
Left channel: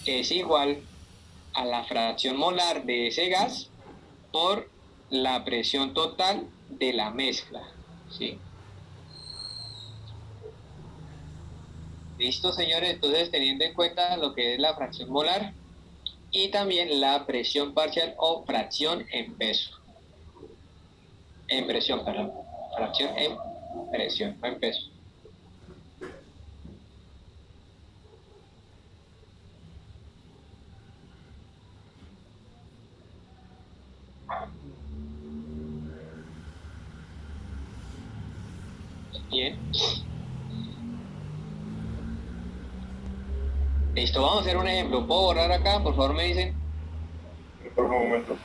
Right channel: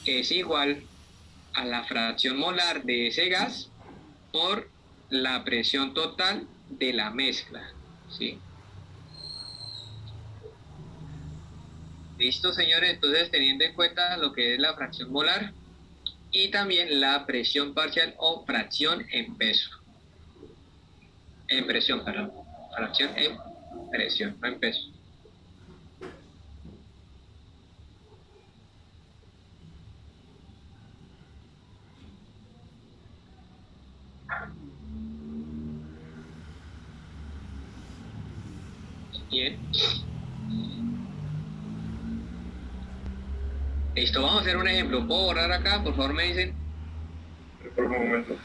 es igual a la fracción molar de ese gas por la presión total de la mezcla, ¿sí? ¿Listo, señores? Entonces, teniendo en cuenta lo que es la fracción molar y también la presión parcial o fracción en peso. En presión, perdón. Fracción en presión, no en peso. Bien. Listo, vamos a hacer un ejemplo. ¿Puedo borrar acá? Por favor, me dicen. Por un momento.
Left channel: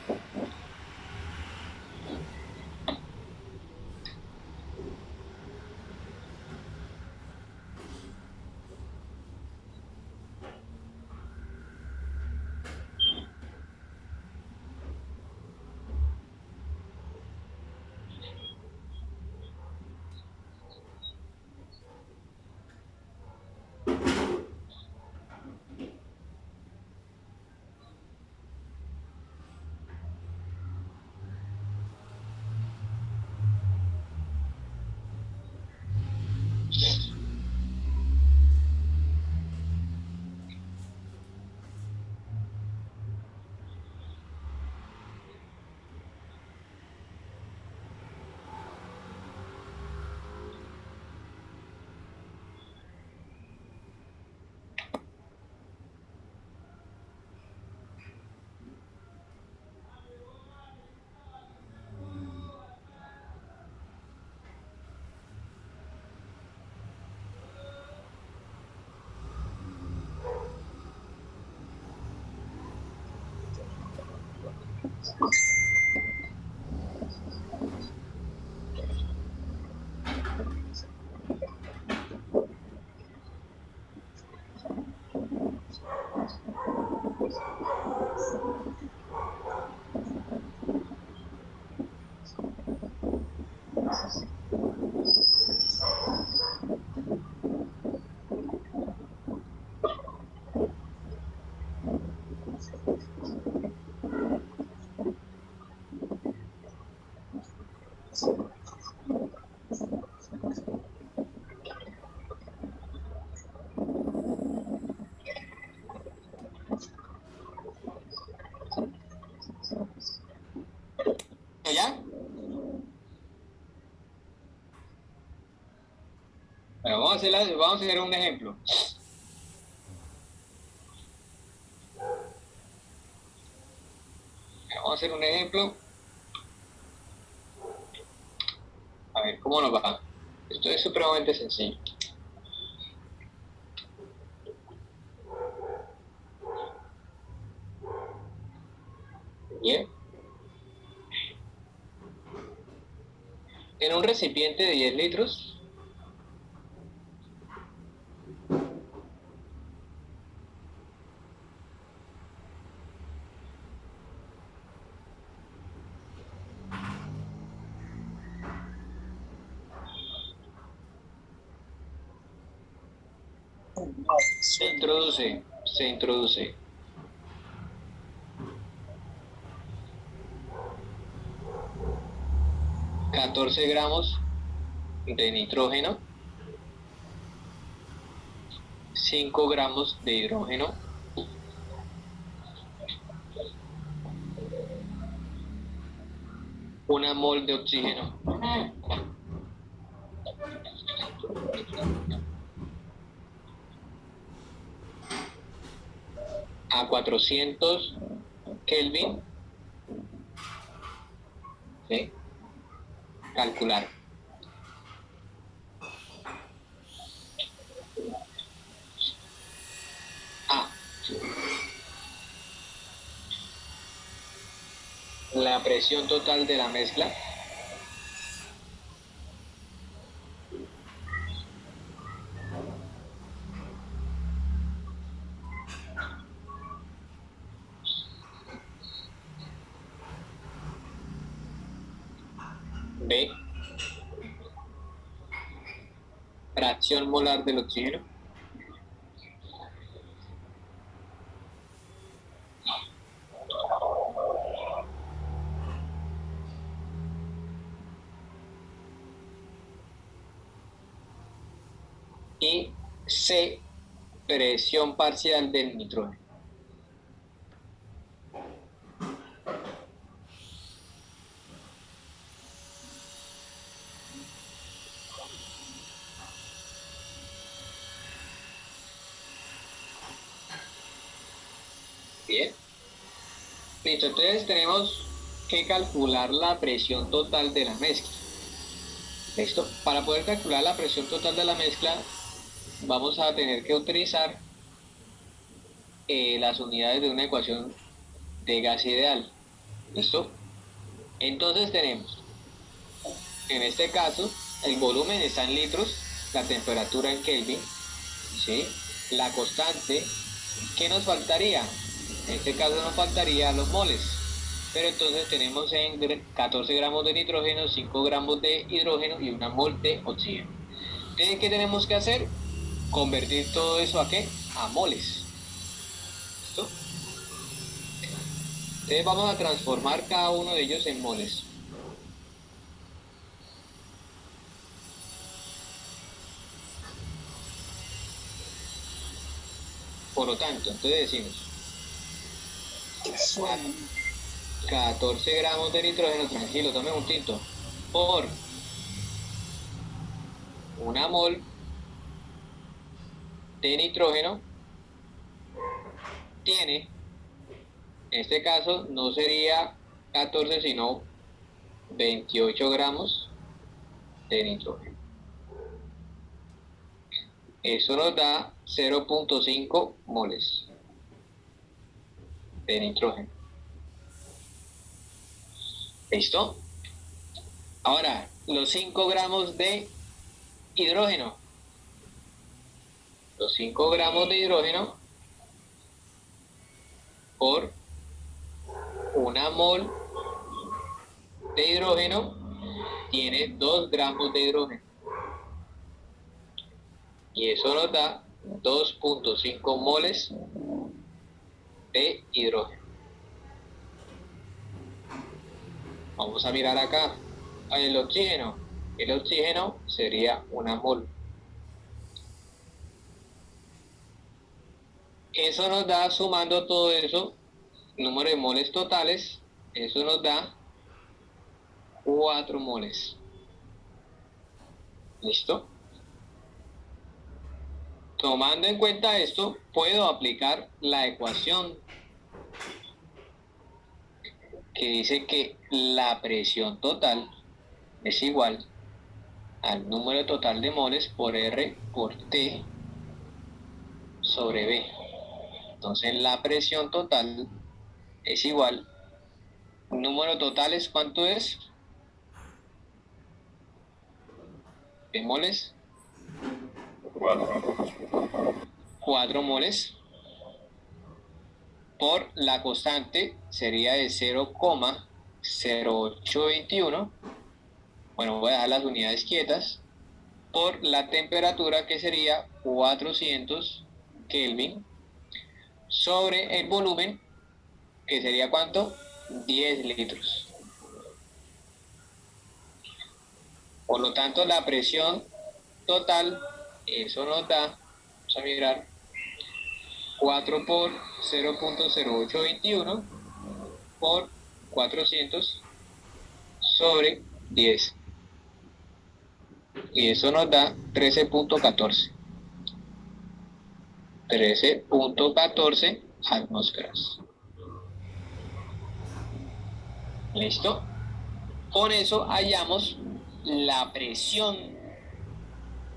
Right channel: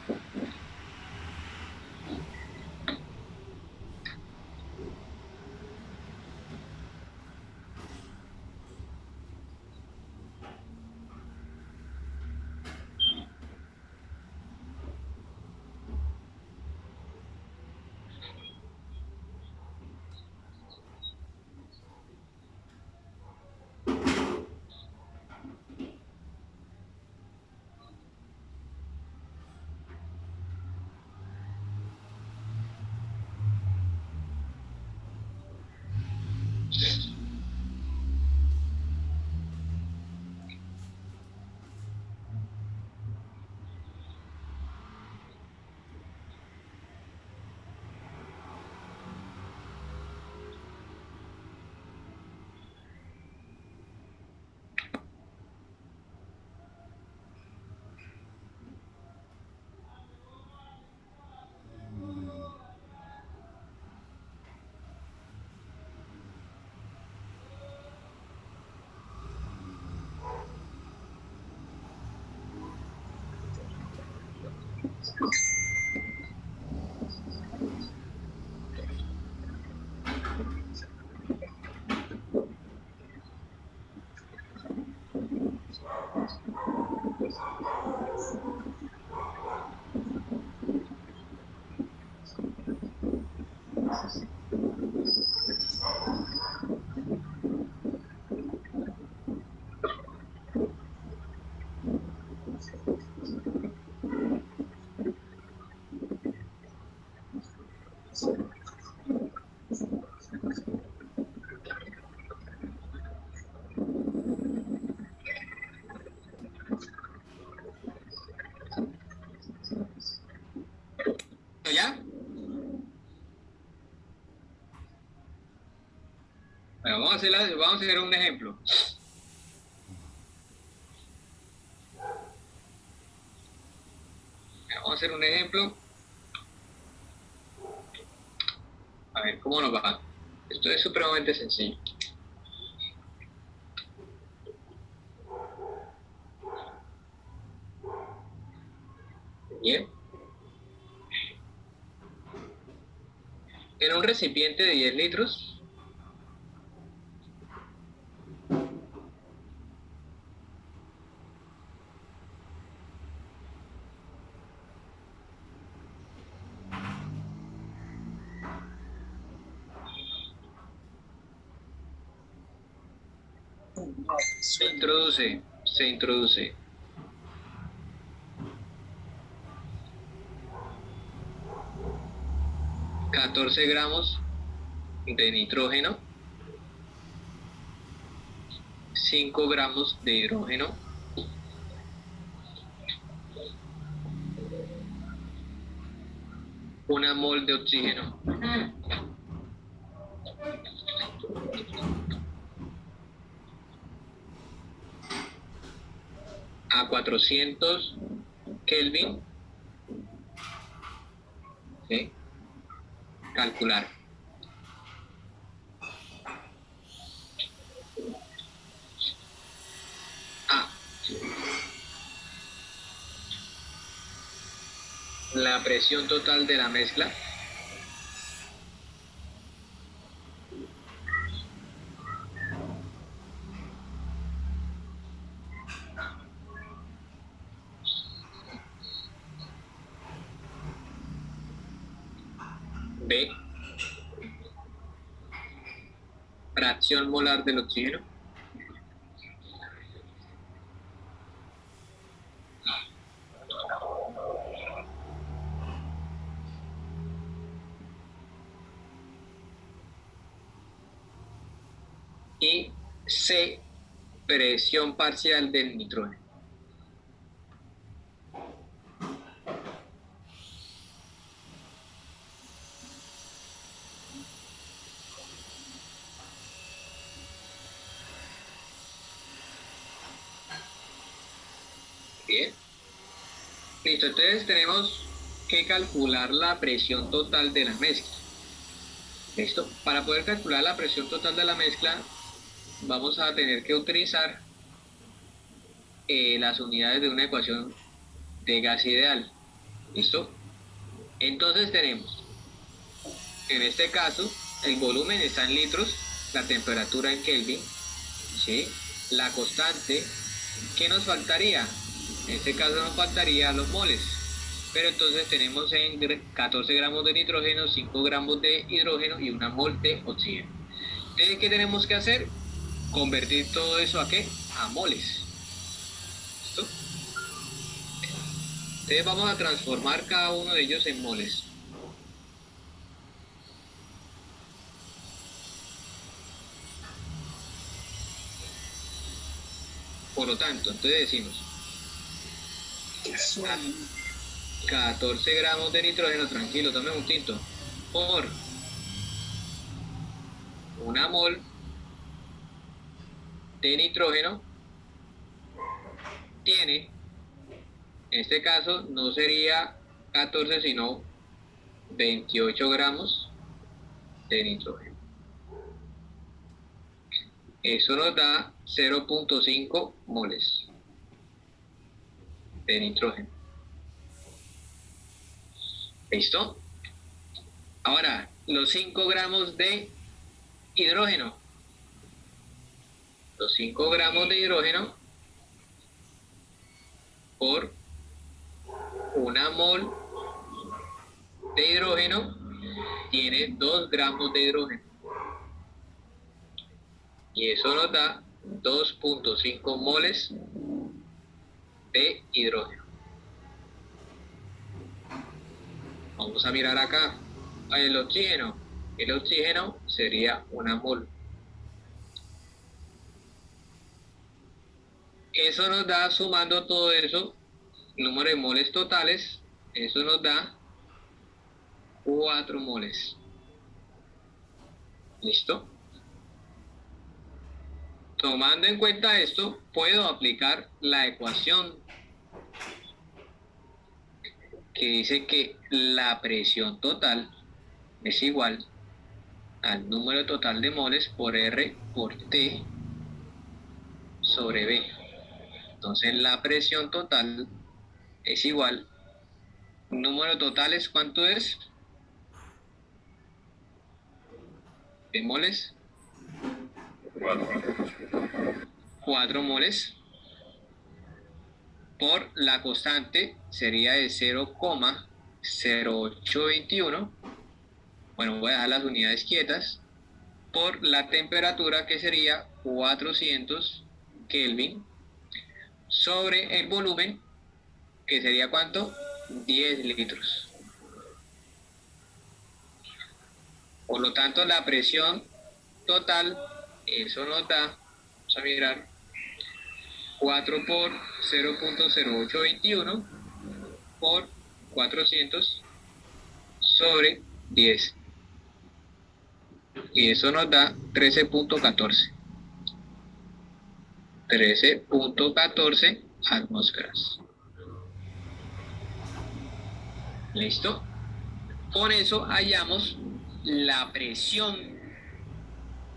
vamos a hacer un ejemplo. Vamos a hacer un ejemplo. A ver cómo nos va. Esto es supremamente sencillo. Bien. En un recipiente de 10 litros, se introduce 14 gramos de nitrógeno, 5 gramos de hidrógeno, 1 mol de oxígeno, a 400 Kelvin, ¿sí? Calcular. A. La presión total de la mezcla. B. Fracción molar del oxígeno. Y C. Presión parcial del nitrógeno. Bien. Listo, entonces tenemos que calcular la presión total de la mezcla. ¿Listo? Para poder calcular la presión total de la mezcla, vamos a tener que utilizar las unidades de una ecuación de gas ideal. ¿Listo? Entonces tenemos, en este caso, el volumen está en litros, la temperatura en Kelvin, ¿sí? La constante, ¿qué nos faltaría? En este caso nos faltaría los moles, pero entonces tenemos en 14 gramos de nitrógeno, 5 gramos de hidrógeno y 1 mol de oxígeno. Entonces, ¿qué tenemos que hacer? Convertir todo eso ¿a qué? A moles. ¿Listo? Entonces vamos a transformar cada uno de ellos en moles. Por lo tanto, entonces decimos 14 gramos de nitrógeno, tranquilo, tome un tinto, por 1 mol de nitrógeno tiene, en este caso no sería 14 sino 28 gramos de nitrógeno. Eso nos da 0.5 moles de nitrógeno. ¿Listo? Ahora, los 5 gramos de hidrógeno. Los 5 gramos de hidrógeno por 1 mol de hidrógeno tiene 2 gramos de hidrógeno. Y eso nos da 2.5 moles de hidrógeno. Vamos a mirar acá. El oxígeno. El oxígeno sería 1 mol. Eso nos da, sumando todo eso, número de moles totales, eso nos da 4 moles. ¿Listo? Tomando en cuenta esto, puedo aplicar la ecuación que dice que la presión total es igual al número total de moles por R por T sobre B. Entonces la presión total es igual, número total es ¿cuánto es? De moles, 4 moles, por la constante sería de 0,0821. Bueno, voy a dejar las unidades quietas, por la temperatura que sería 400 Kelvin, sobre el volumen que sería ¿cuánto? 10 litros. Por lo tanto, la presión total, eso nos da, vamos a mirar, 4 por 0,0821 por 400 sobre 10. Y eso nos da 13,14. 13,14 atmósferas. ¿Listo? Con eso hallamos la presión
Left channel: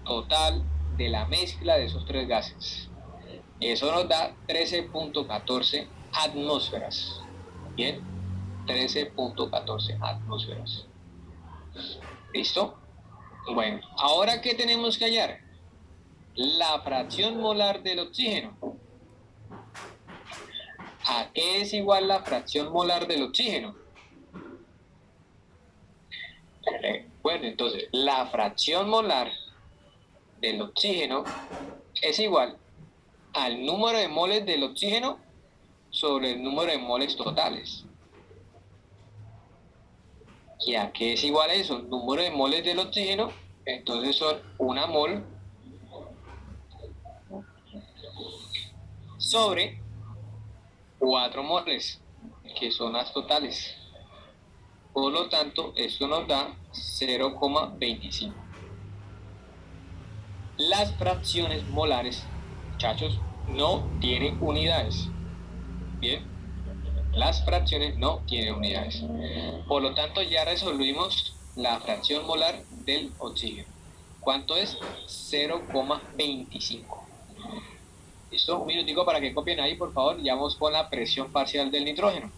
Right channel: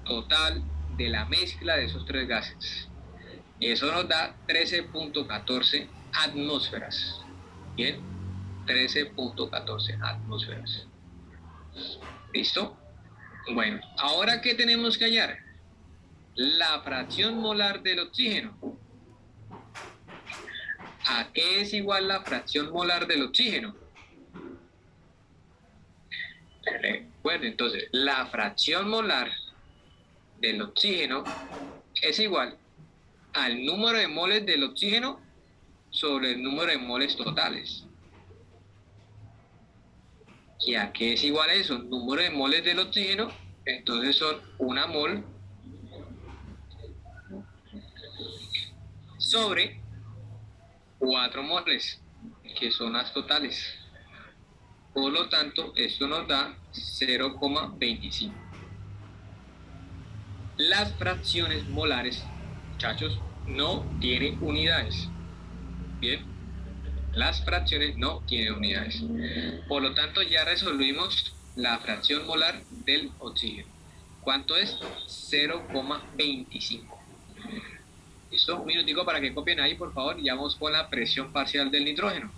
total de la mezcla de esos tres gases. Eso nos da 13,14 atmósferas. Bien, 13,14 atmósferas. ¿Listo? Bueno, ahora ¿qué tenemos que hallar? La fracción molar del oxígeno. ¿A qué es igual la fracción molar del oxígeno? Bueno, entonces, la fracción molar del oxígeno es igual al número de moles del oxígeno sobre el número de moles totales. ¿Y a qué es igual a eso? Número de moles del oxígeno, entonces son 1 mol sobre 4 moles, que son las totales. Por lo tanto, esto nos da 0,25. Las fracciones molares, muchachos, no tienen unidades. Bien, las fracciones no tienen unidades. Por lo tanto, ya resolvimos la fracción molar del oxígeno. ¿Cuánto es? 0,25. ¿Listo? Un minutico para que copien ahí, por favor, y vamos con la presión parcial del nitrógeno.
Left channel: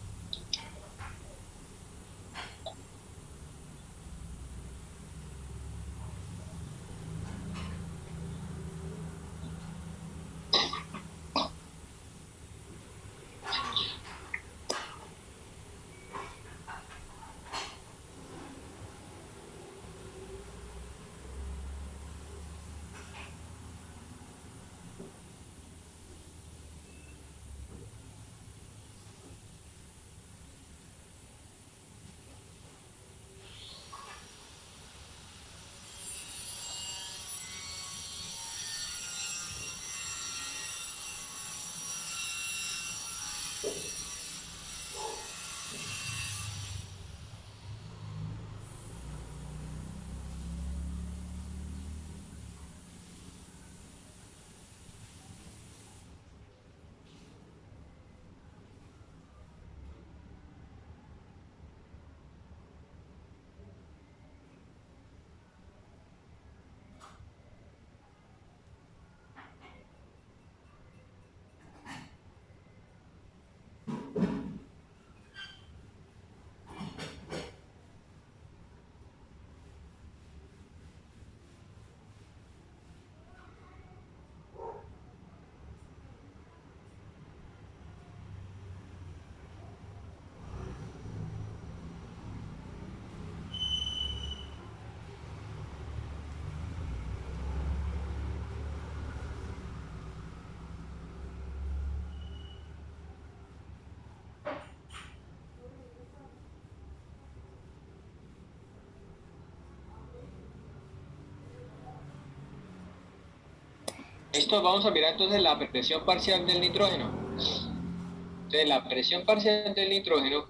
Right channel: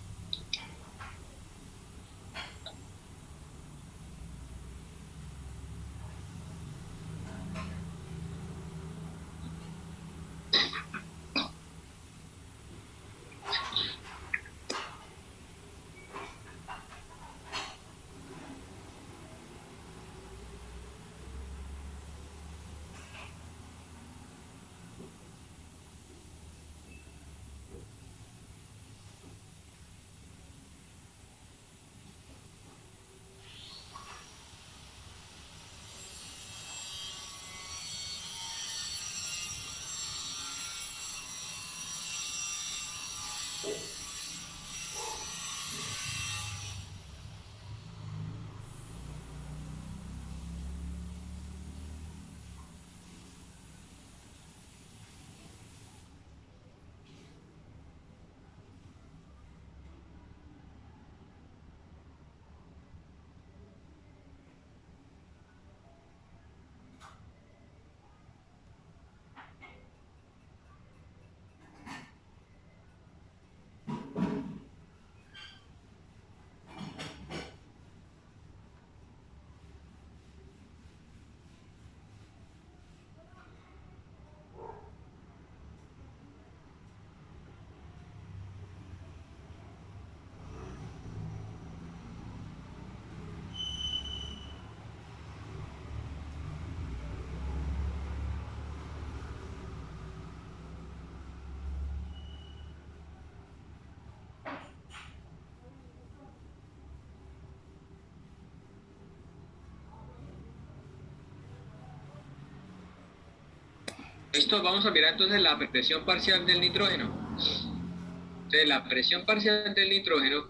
Esto vamos a mirar entonces la presión parcial del nitrógeno. Entonces, la presión parcial del nitrógeno,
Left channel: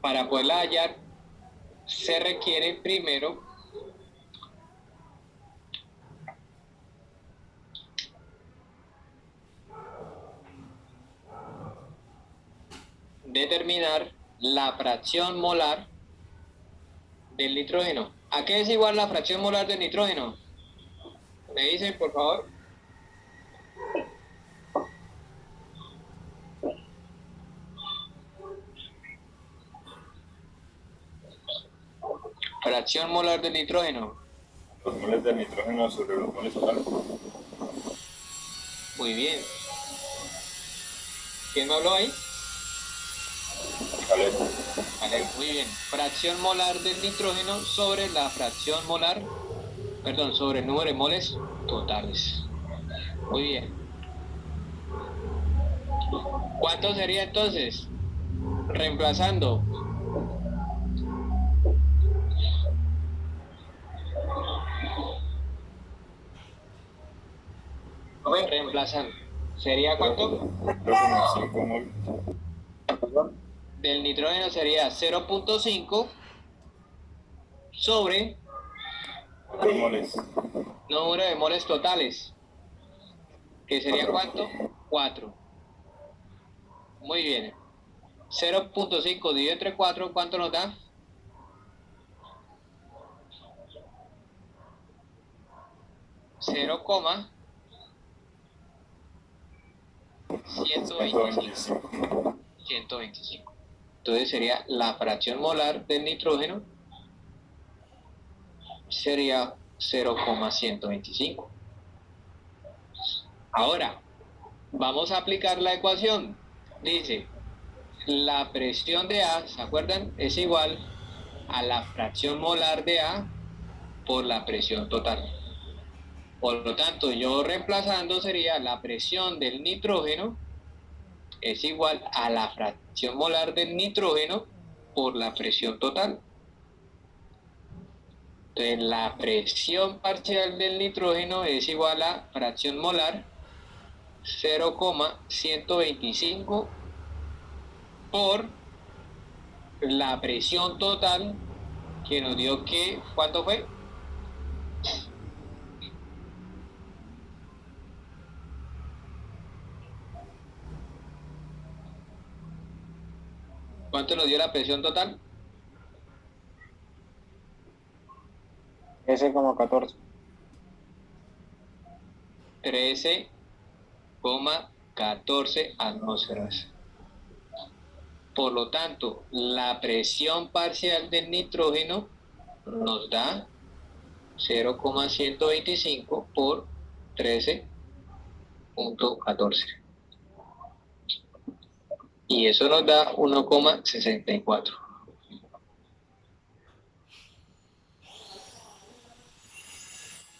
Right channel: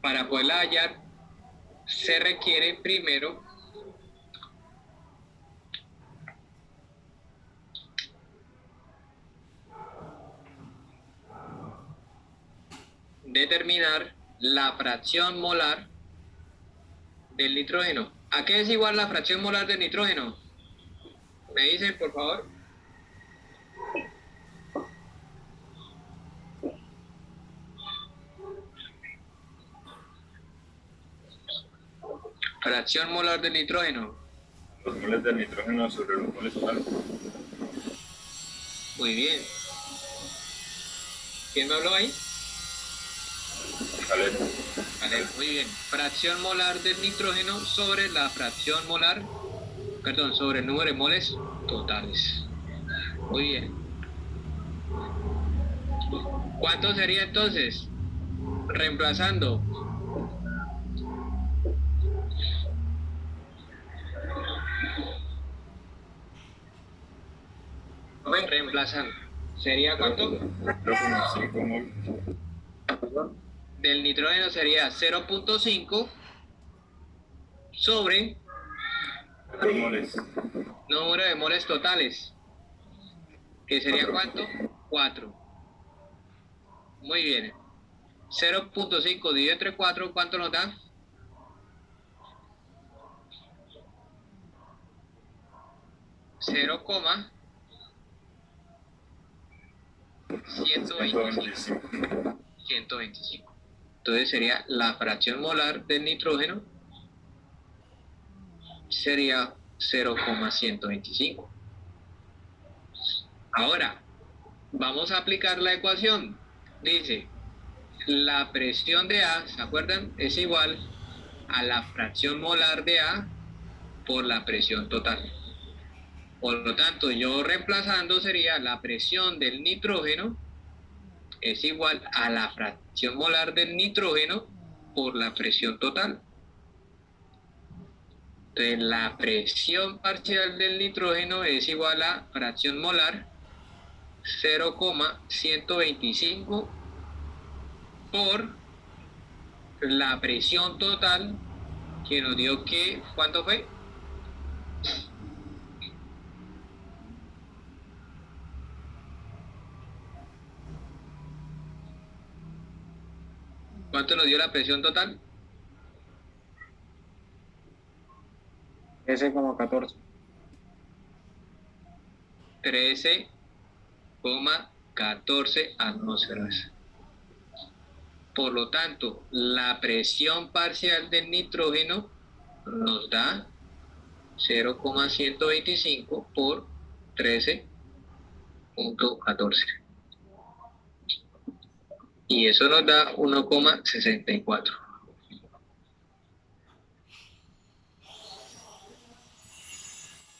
para poderla hallar, se requiere primero determinar la fracción molar del nitrógeno. ¿A qué es igual la fracción molar del nitrógeno? ¿Me dicen, por favor? Fracción molar del nitrógeno. Los moles del nitrógeno sobre los moles totales. Muy bien. ¿Quién me habló ahí? Vale. Vale, muy bien. Fracción molar del nitrógeno sobre la fracción molar, perdón, sobre el número de moles totales. Muy bien. ¿Cuánto sería entonces? Reemplazando. Reemplazando. ¿Sería cuánto? Creo que 5 moles. Del nitrógeno sería 0.5 sobre Los moles. número de moles totales. ¿Que sería cuánto? 4. Muy bien. 0.5 dividido entre 4, ¿cuánto nos da? 0,125. 125. Entonces sería la fracción molar del nitrógeno sería 0,125. Ahora, vamos a aplicar la ecuación. Dice, la presión de A, ¿se acuerdan? Es igual a la fracción molar de A por la presión total. Por lo tanto, yo reemplazando sería la presión del nitrógeno es igual a la fracción molar del nitrógeno por la presión total. Entonces, la presión parcial del nitrógeno es igual a fracción molar 0,125 por la presión total que nos dio que, ¿cuánto fue? ¿Cuánto nos dio la presión total? 13,14. 13,14 atmósferas. Por lo tanto, la presión parcial del nitrógeno nos da 0,125 por 13,14. Y eso nos da 1,64.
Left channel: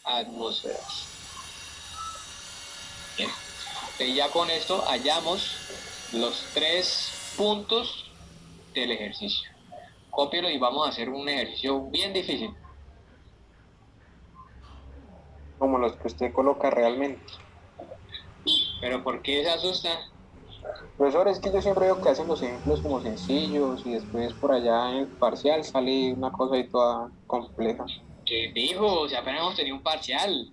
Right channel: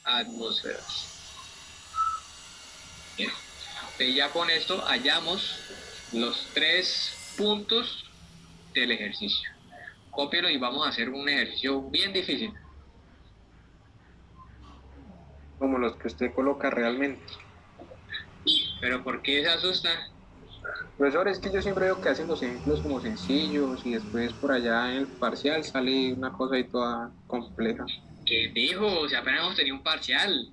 Atmósferas. Bien. Y ya con esto hallamos los 3 puntos del ejercicio. Cópielo y vamos a hacer un ejercicio bien difícil. Como los que usted coloca realmente. Pero ¿por qué se asusta? Profesor, es que yo siempre veo que hacen los ejemplos como sencillos y después por allá en el parcial sale una cosa ahí toda compleja. ¿Qué dijo? O sea, apenas hemos tenido un parcial.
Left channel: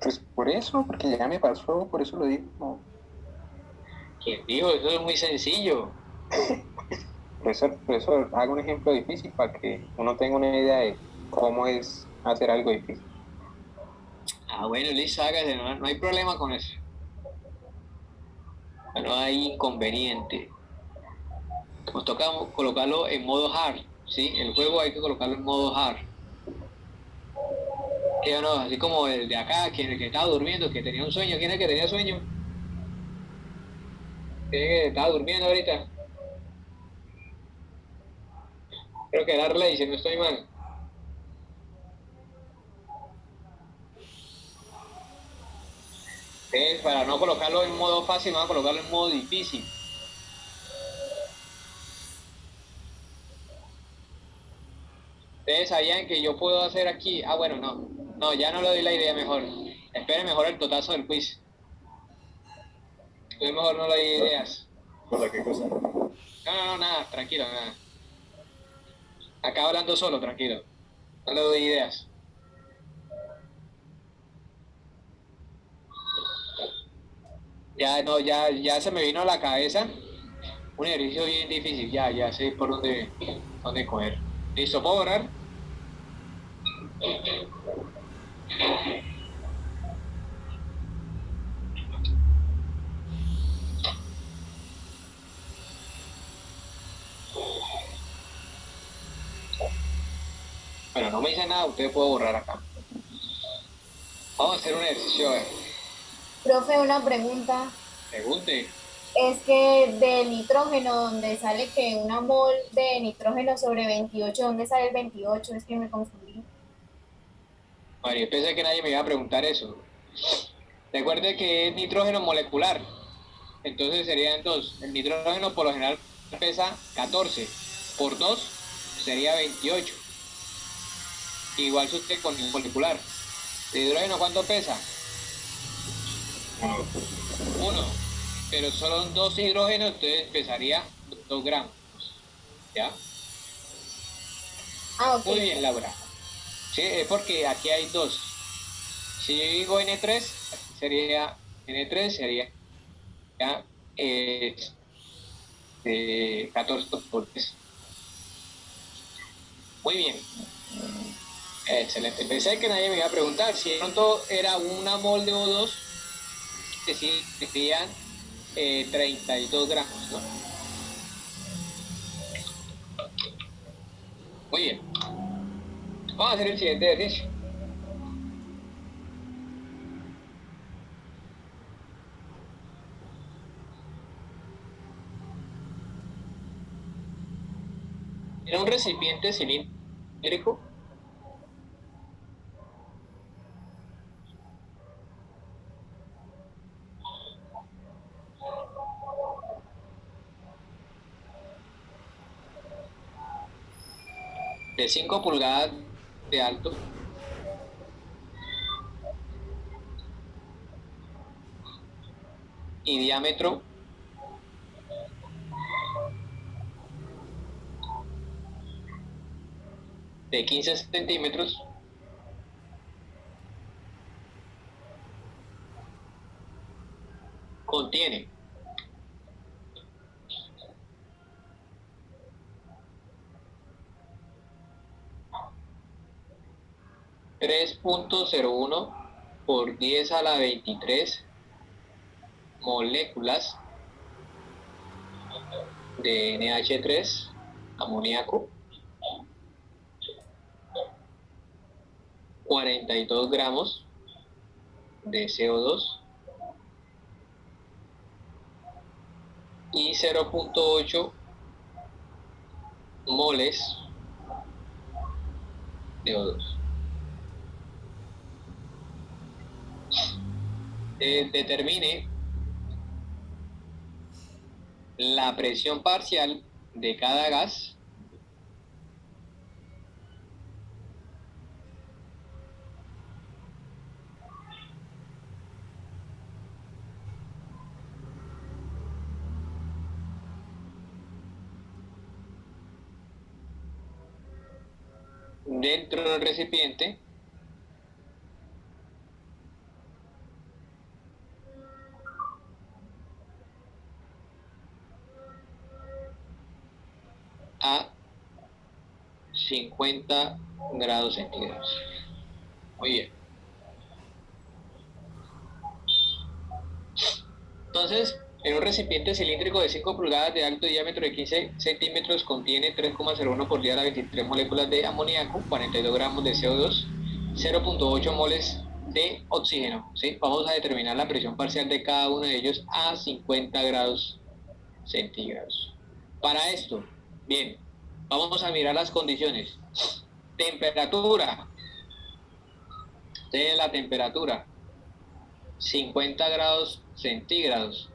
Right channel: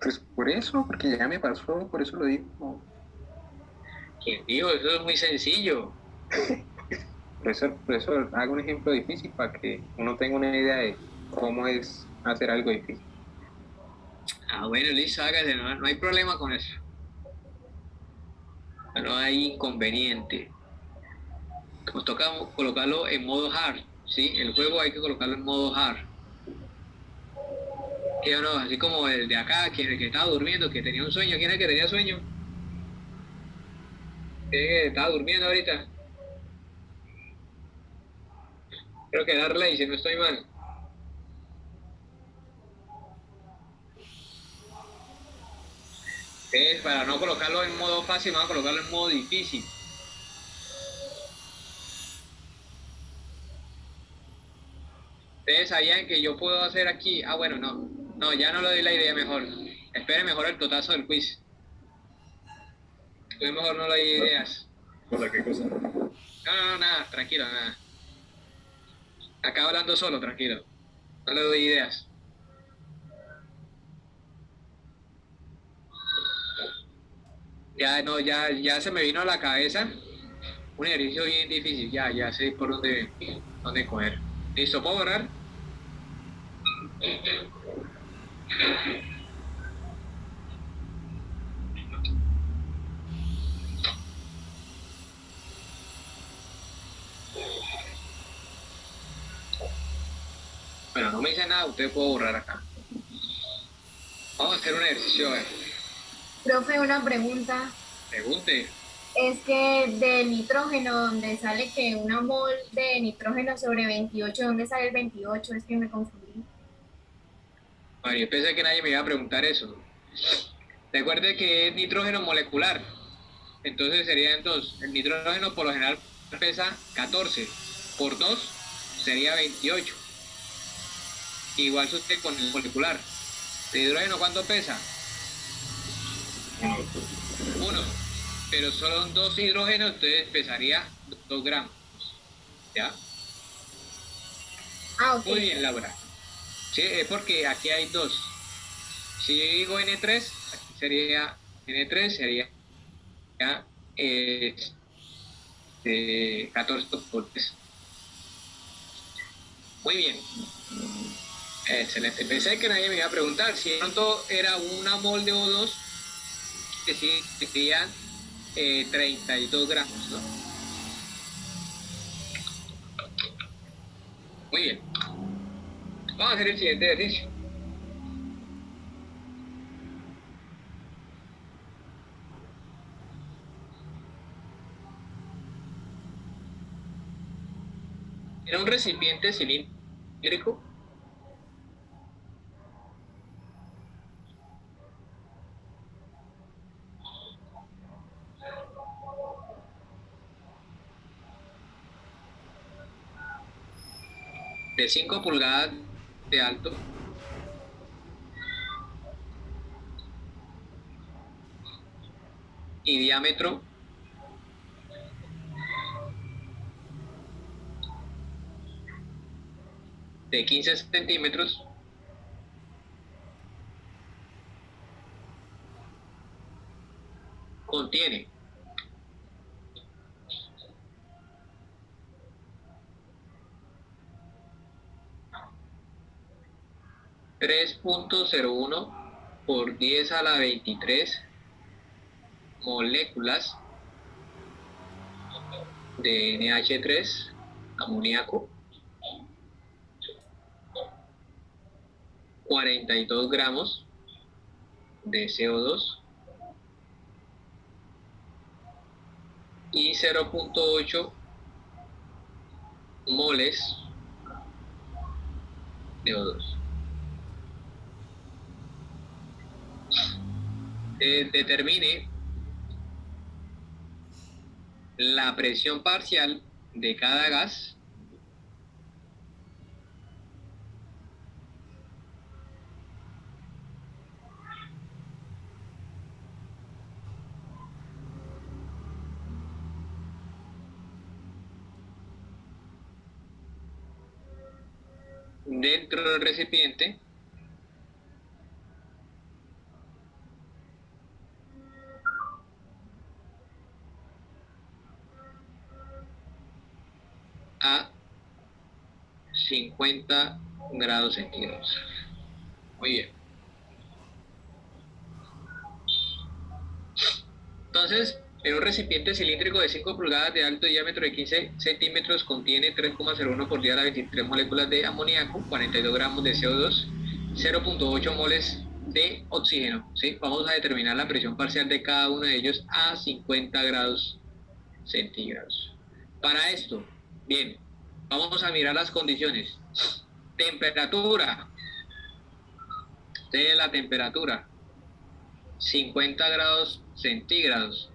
Pues por eso, porque ya me pasó, por eso lo digo. ¿Quién dijo? Eso es muy sencillo. Profesor, haga un ejemplo difícil para que uno tenga una idea de cómo es hacer algo difícil. Ah, bueno, listo, hágase, no hay problema con eso. No hay inconveniente. Nos toca colocarlo en modo hard, ¿sí? El juego hay que colocarlo en modo hard. ¿Qué o no? Así como el de acá, el que estaba durmiendo, que tenía un sueño. ¿Quién es el que tenía sueño? ¿Quién es el que estaba durmiendo ahorita? Creo que Darley, si no estoy mal. Para no colocarlo en modo fácil, vamos a colocarlo en modo difícil. Ustedes sabían que yo puedo hacer aquí. Ah, bueno, no, ya no le doy la idea mejor. Espere mejor el totazo del quiz. Yo mejor no le doy ideas. ¿Cosa qué cosa? No, nada, tranquilo, nada. Acá hablando solo, tranquilo. No le doy ideas. Ya no, ya se me vino a la cabeza Un ejercicio bien difícil, ya sé por dónde coger. ¿Listo? ¿Puedo borrar? Bueno, no me dice nada, usted puede borrar acá. Vamos a hacer un ejercicio, a ver. Profe, una pregunta. Pregunte. Es que de nitrógeno, donde sale que una mol de nitrógeno sobre 28, ¿dónde sale el 28? Es que me confundí. Bueno, yo pensé que nadie me iba a preguntar eso. Recuerde que es nitrógeno molecular. Entonces serían dos. El nitrógeno por lo general pesa 14. Por 2 sería 28. Igual usted con el molecular. ¿El hidrógeno cuánto pesa? 1. Pero solo son 2 hidrógenos, entonces pesaría 2 gramos. ¿Ya? Ah, ok. Muy bien, Laura. Sí, es porque aquí hay 2. Si yo digo N3, aquí sería N3, sería 14 por 3. Muy bien. Excelente. Pensé que nadie me iba a preguntar. Si de pronto era una mol de O2, que sí serían 32 gramos, ¿no? Muy bien. Vamos a hacer el siguiente ejercicio. Era un recipiente cilíndrico de 5 pulgadas de alto y diámetro de 15 centímetros, contiene 3.01 por 10 a la 23 moléculas de NH3, amoníaco, 42 gramos de CO2 y 0.8 moles de O2. Determine la presión parcial de cada gas dentro del recipiente a 50 grados centígrados. Muy bien. Entonces, en un recipiente cilíndrico de 5 pulgadas de alto, diámetro de 15 centímetros, contiene 3,01 por día a la 23 moléculas de amoníaco, 42 gramos de CO2, 0.8 moles de oxígeno. ¿Sí? Vamos a determinar la presión parcial de cada uno de ellos a 50 grados centígrados. Para esto, bien, vamos a mirar las condiciones. Temperatura. De la temperatura, 50 grados centígrados.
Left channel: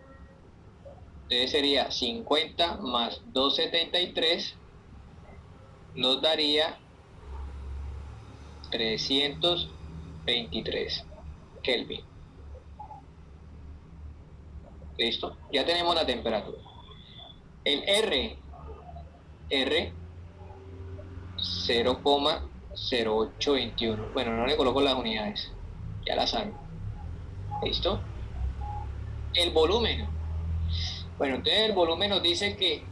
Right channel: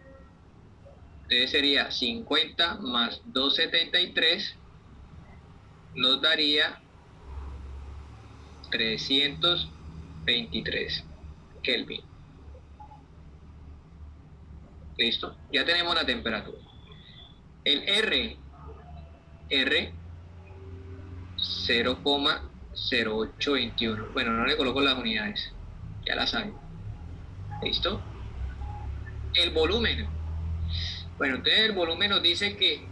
Entonces sería 50 más 273, nos daría 323 Kelvin. ¿Listo? Ya tenemos la temperatura. El R 0,0821. Bueno, no le coloco las unidades, ya las saben. ¿Listo? El volumen Bueno, entonces el volumen nos dice que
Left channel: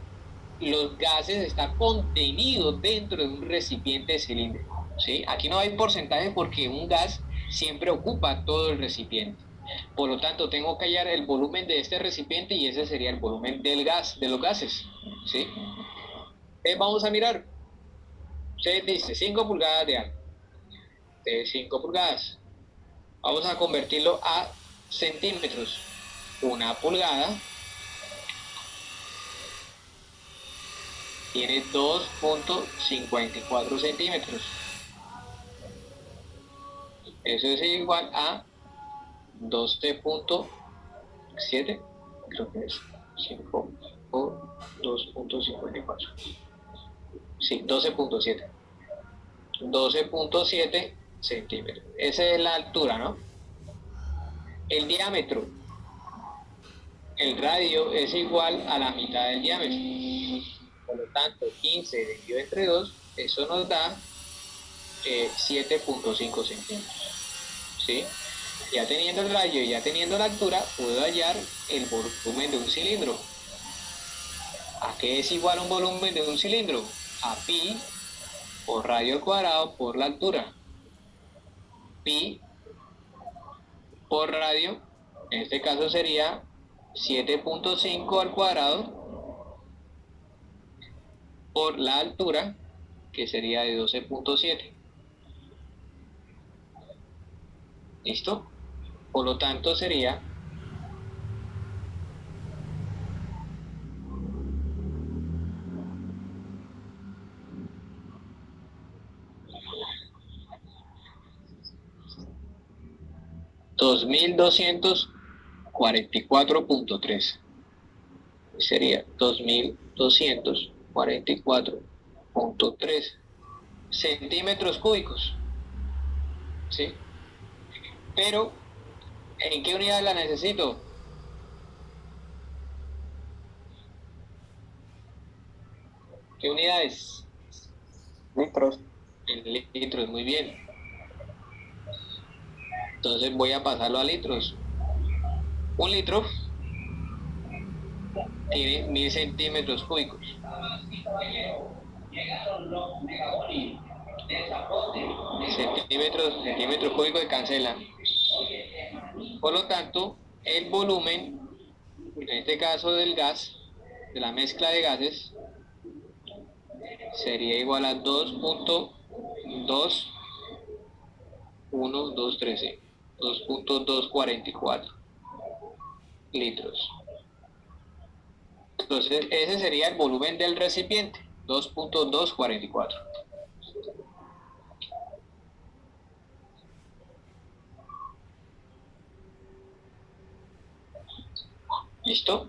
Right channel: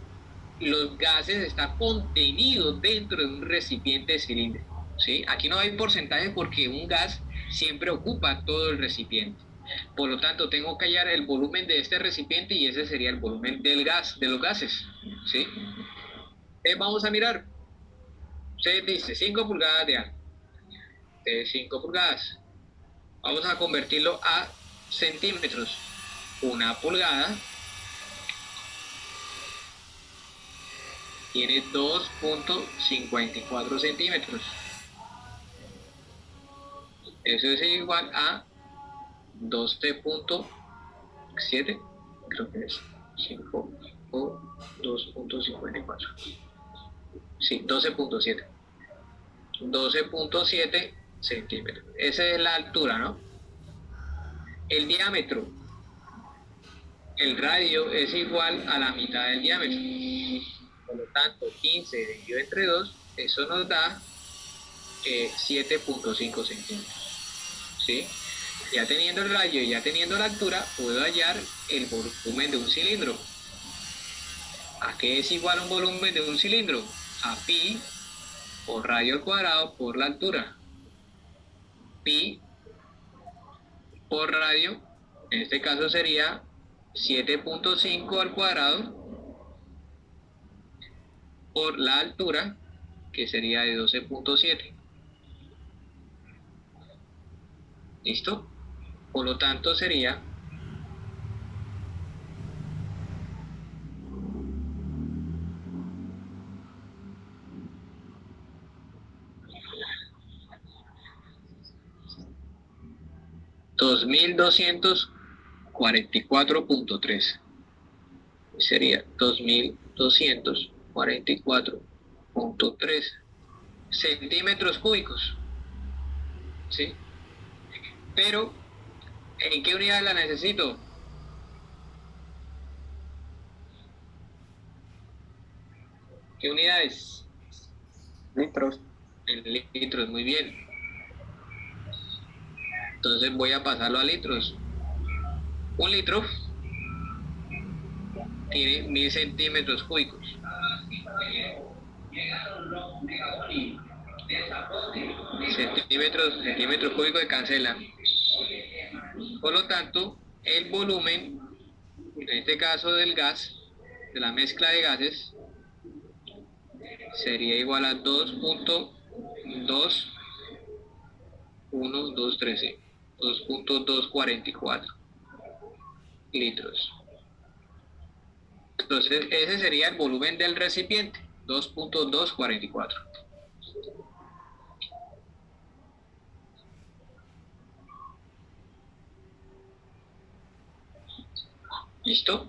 los gases están contenidos dentro de un recipiente cilíndrico, ¿sí? Aquí no hay porcentaje porque un gas siempre ocupa todo el recipiente. Por lo tanto, tengo que hallar el volumen de este recipiente y ese sería el volumen del gas, de los gases, ¿sí? Vamos a mirar. Usted dice 5 pulgadas de alto, de 5 pulgadas. Vamos a convertirlo a centímetros. Una pulgada tiene 2.54 centímetros. Eso es igual a 12.7, creo que es 5 o 2.54. Sí, 12.7. 12.7 centímetros. Esa es la altura, ¿no? El diámetro, el radio es igual a la mitad del diámetro. Por lo tanto, 15 dividido entre 2, eso nos da 7.5 centímetros. ¿Sí? Ya teniendo el radio y ya teniendo la altura, puedo hallar el volumen de un cilindro. ¿A qué es igual un volumen de un cilindro? A pi por radio al cuadrado por la altura. Pi por radio, en este caso sería 7.5 al cuadrado por la altura, que sería de 12.7. ¿Listo? Por lo tanto sería 2244.3. Sería 2244.3 centímetros cúbicos. ¿Sí? Pero, ¿en qué unidad la necesito? ¿Qué unidades? Litros. En litros, muy bien. Entonces voy a pasarlo a litros. Un litro tiene 1000 centímetros cúbicos. Centímetros cúbicos se cancelan. Por lo tanto, el volumen, en este caso del gas, de la mezcla de gases, sería igual a 2.244 litros. Entonces, ese sería el volumen del recipiente, 2.244. ¿Listo?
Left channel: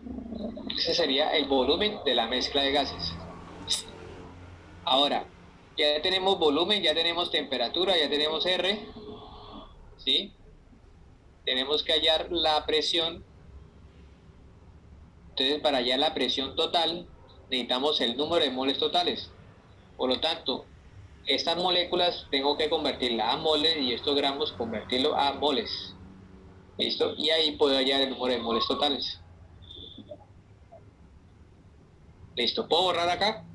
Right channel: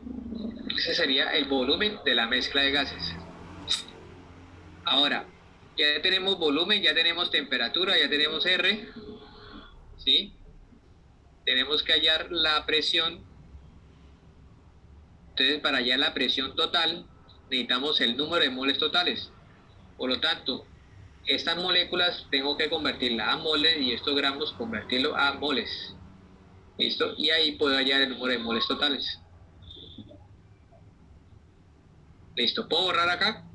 Ese sería el volumen de la mezcla de gases. Ahora, ya tenemos volumen, ya tenemos temperatura, ya tenemos R, ¿sí? Tenemos que hallar la presión. Entonces, para hallar la presión total, necesitamos el número de moles totales. Por lo tanto, estas moléculas tengo que convertirlas a moles y estos gramos convertirlo a moles. ¿Listo? Y ahí puedo hallar el número de moles totales. ¿Listo? ¿Puedo borrar acá?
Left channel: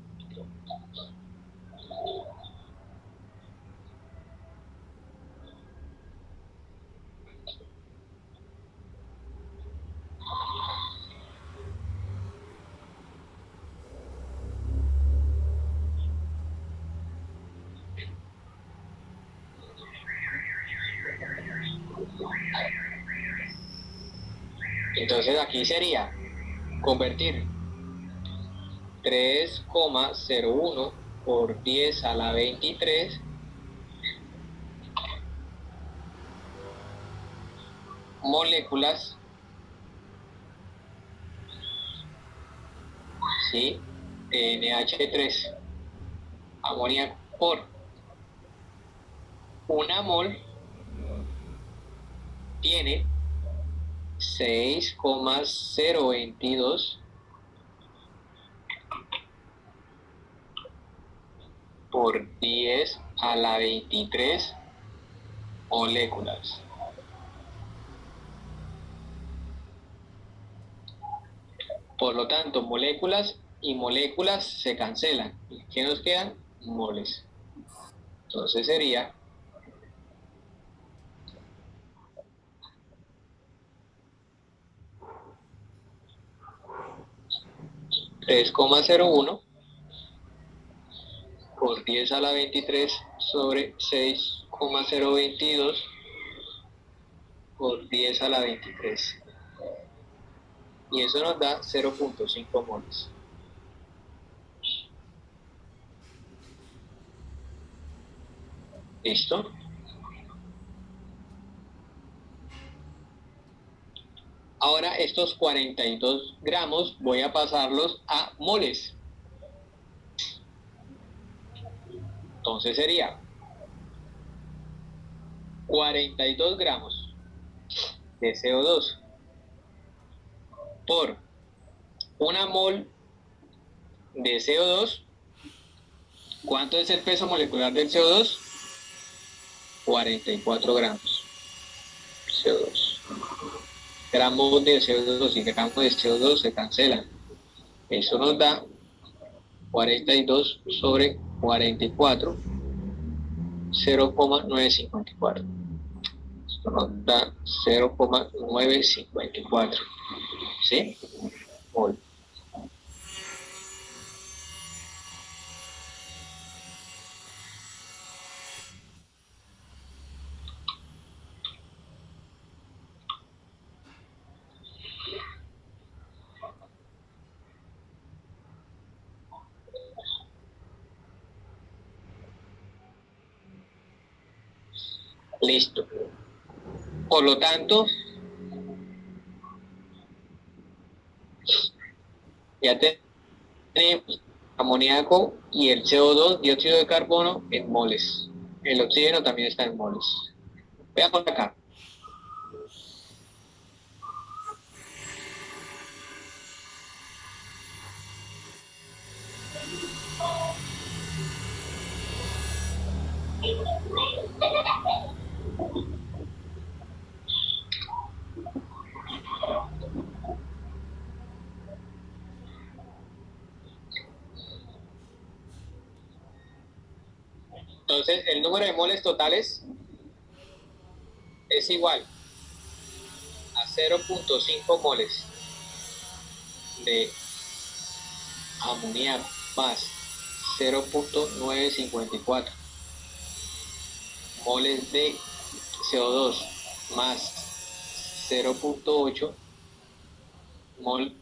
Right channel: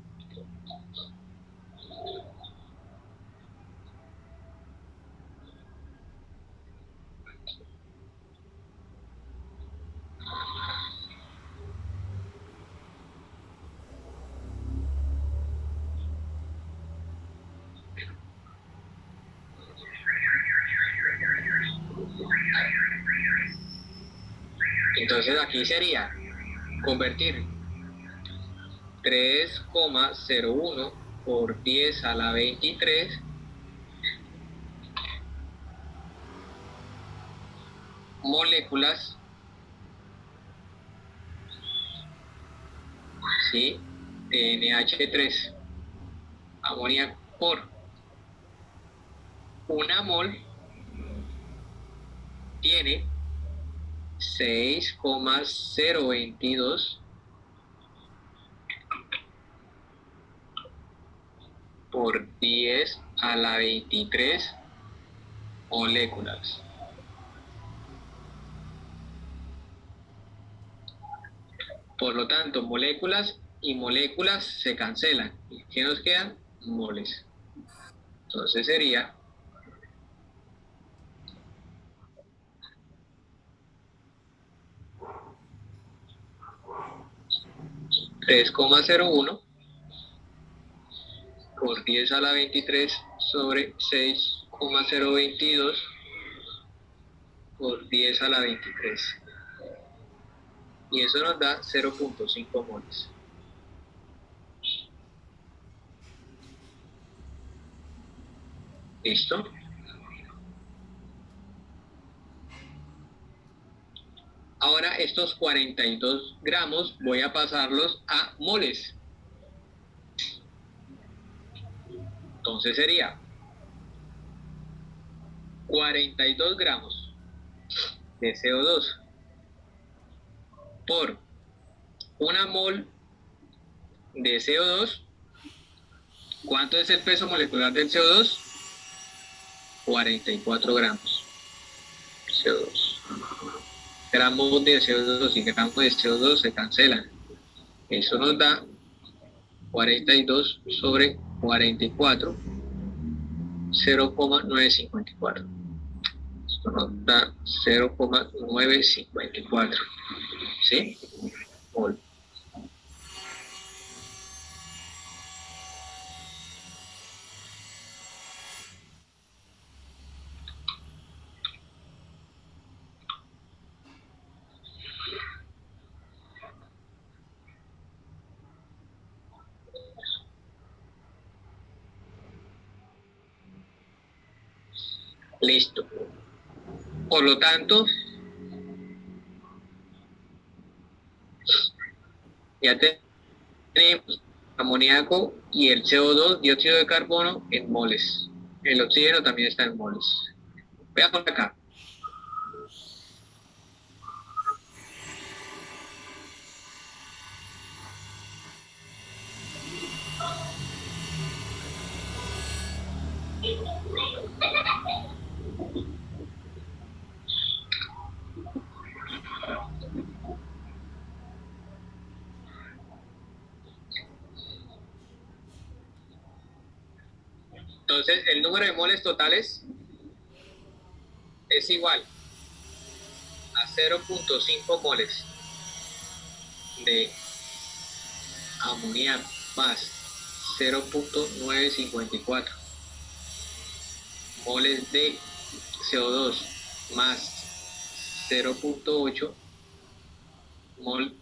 Entonces aquí sería convertir 3,01 por 10 a la 23 moléculas, ¿sí? De NH3, amoníaco, por una mol tiene 6,022 por 10 a la 23 moléculas. Por lo tanto, moléculas y moléculas se cancelan. ¿Y qué nos quedan? Moles. Entonces sería 3,01 por 10 a la 23 sobre 6,022 por 10 a la 23. Y eso nos da 0,5 moles. ¿Listo? Ahora estos 42 gramos voy a pasarlos a moles. Entonces sería 42 gramos de CO2 por una mol de CO2. ¿Cuánto es el peso molecular del CO2? 44 gramos de CO2. Gramos de CO2 y gramos de CO2 se cancelan. Eso nos da 42 sobre 44, 0,954. Esto nos da 0,954. ¿Sí? Mol. Listo. Por lo tanto, ya tenemos amoníaco y el CO2, dióxido de carbono, en moles. El oxígeno también está en moles. Veamos acá. Entonces, el número de moles totales es igual a 0,5 moles de amoníaco más 0,954 moles de CO2 más 0,8 mol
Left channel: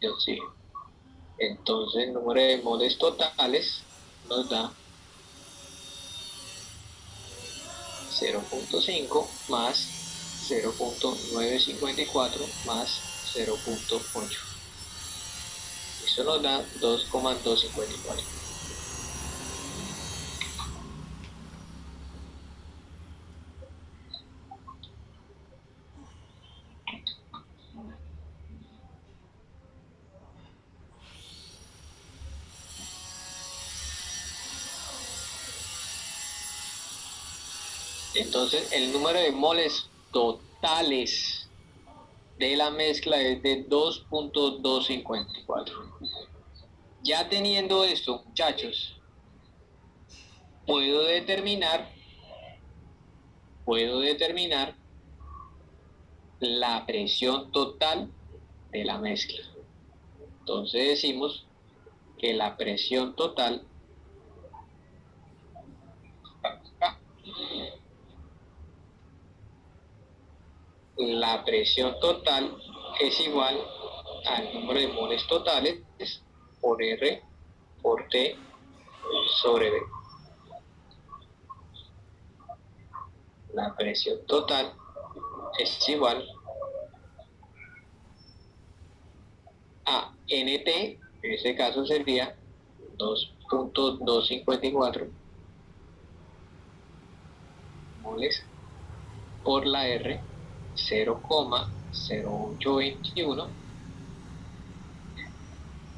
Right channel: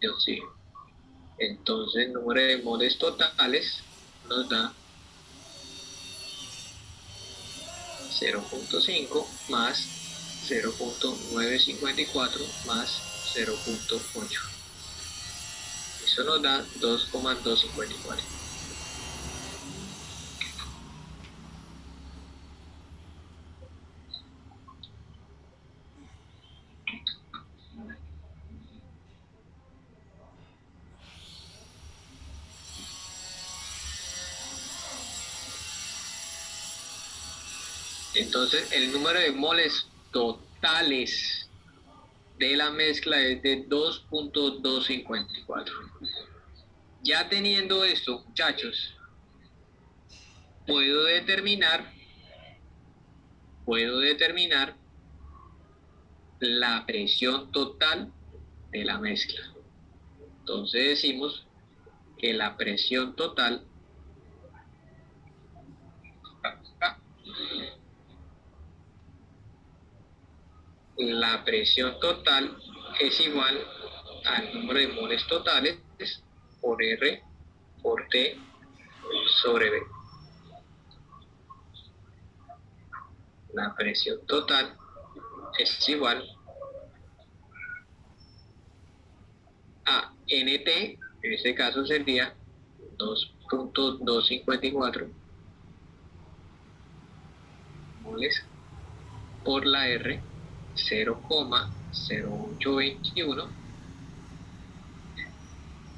de oxígeno. Entonces, el número de moles totales nos da 0,5 más 0,954 más 0,8. Eso nos da 2,254. Entonces, el número de moles totales de la mezcla es de 2,254. Ya teniendo esto, muchachos, puedo determinar la presión total de la mezcla. Entonces decimos que la presión total es igual al número de moles totales por R por T sobre B. La presión total es igual a NT, en este caso sería 2,254 moles por la R, 0,0821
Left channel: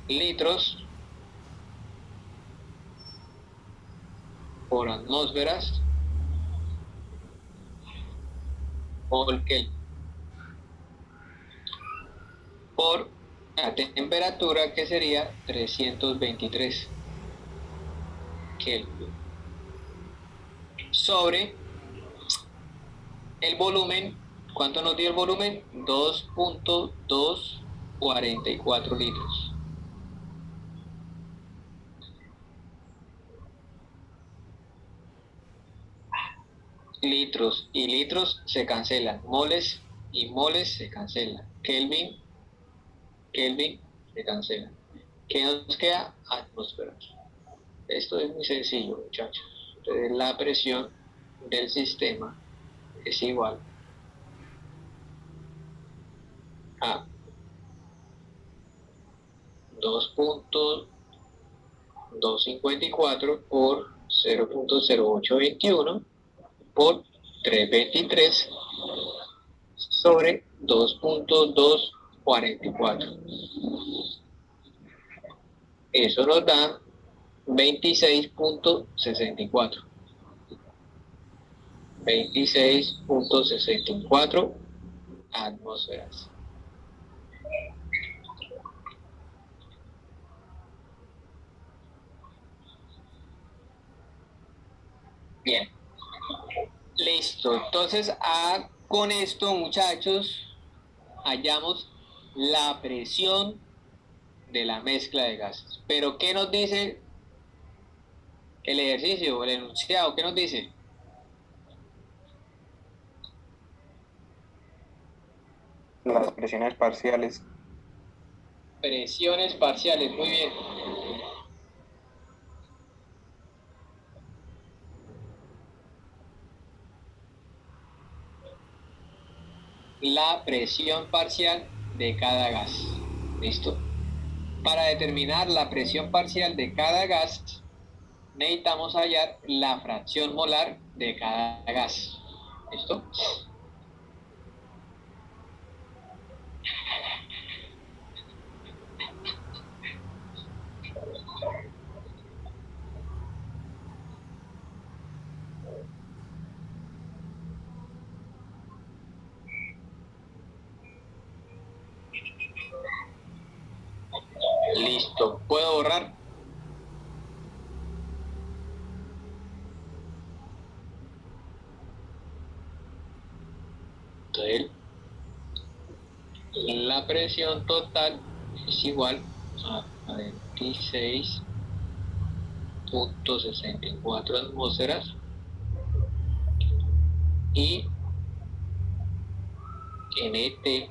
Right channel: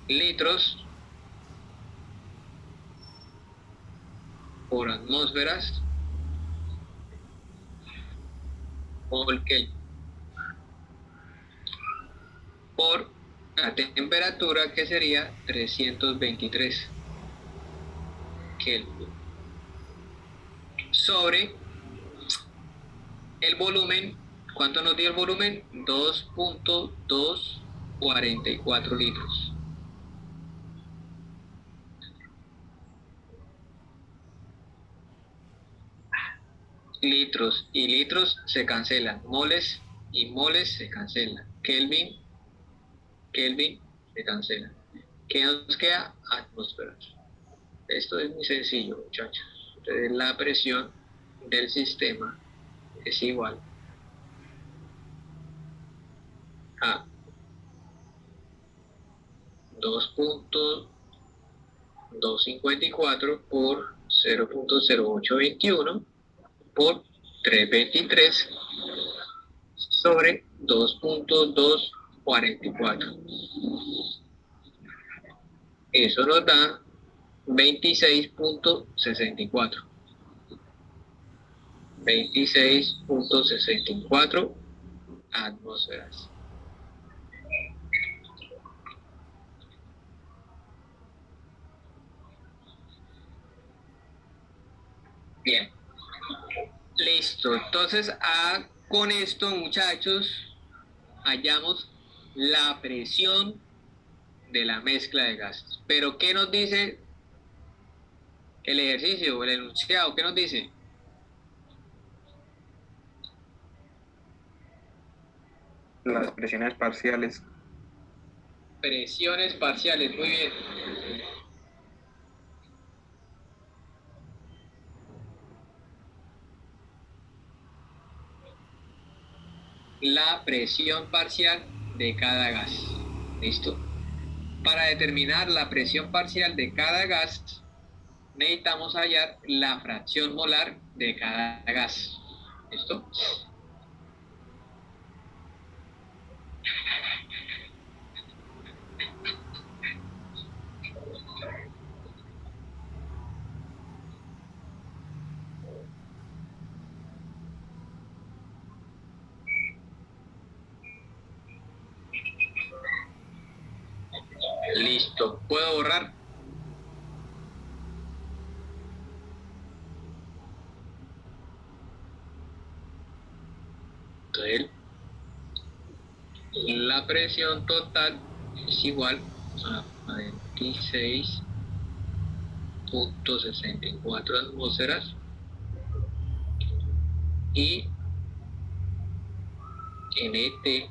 litros por atmósferas por Kelvin por a temperatura que sería 323 Kelvin sobre el volumen. ¿Cuánto nos dio el volumen? 2.244 litros. Litros y litros se cancelan, moles y moles se cancelan, Kelvin, Kelvin se cancela. ¿Qué nos queda? Atmósferas. Esto es muy sencillo, muchachos. Entonces, la presión del sistema es igual a 2.254 por 0.0821 por 323 sobre 2.244. Eso nos da 26.64. 26.64 atmósferas. Bien, listo. Entonces, con esto, muchachos, hallamos la presión de la mezcla de gases. Pero, ¿qué nos dice el ejercicio, el enunciado? ¿Qué nos dice? Las presiones parciales. Presiones parciales, muy bien. La presión parcial de cada gas. ¿Listo? Para determinar la presión parcial de cada gas, necesitamos hallar la fracción molar de cada gas. ¿Listo? Listo. ¿Puedo borrar? Entonces, la presión total es igual a 26.64 atmósferas y NT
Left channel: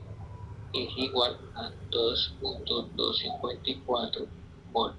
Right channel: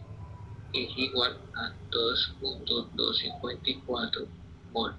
es igual a 2.254 mol.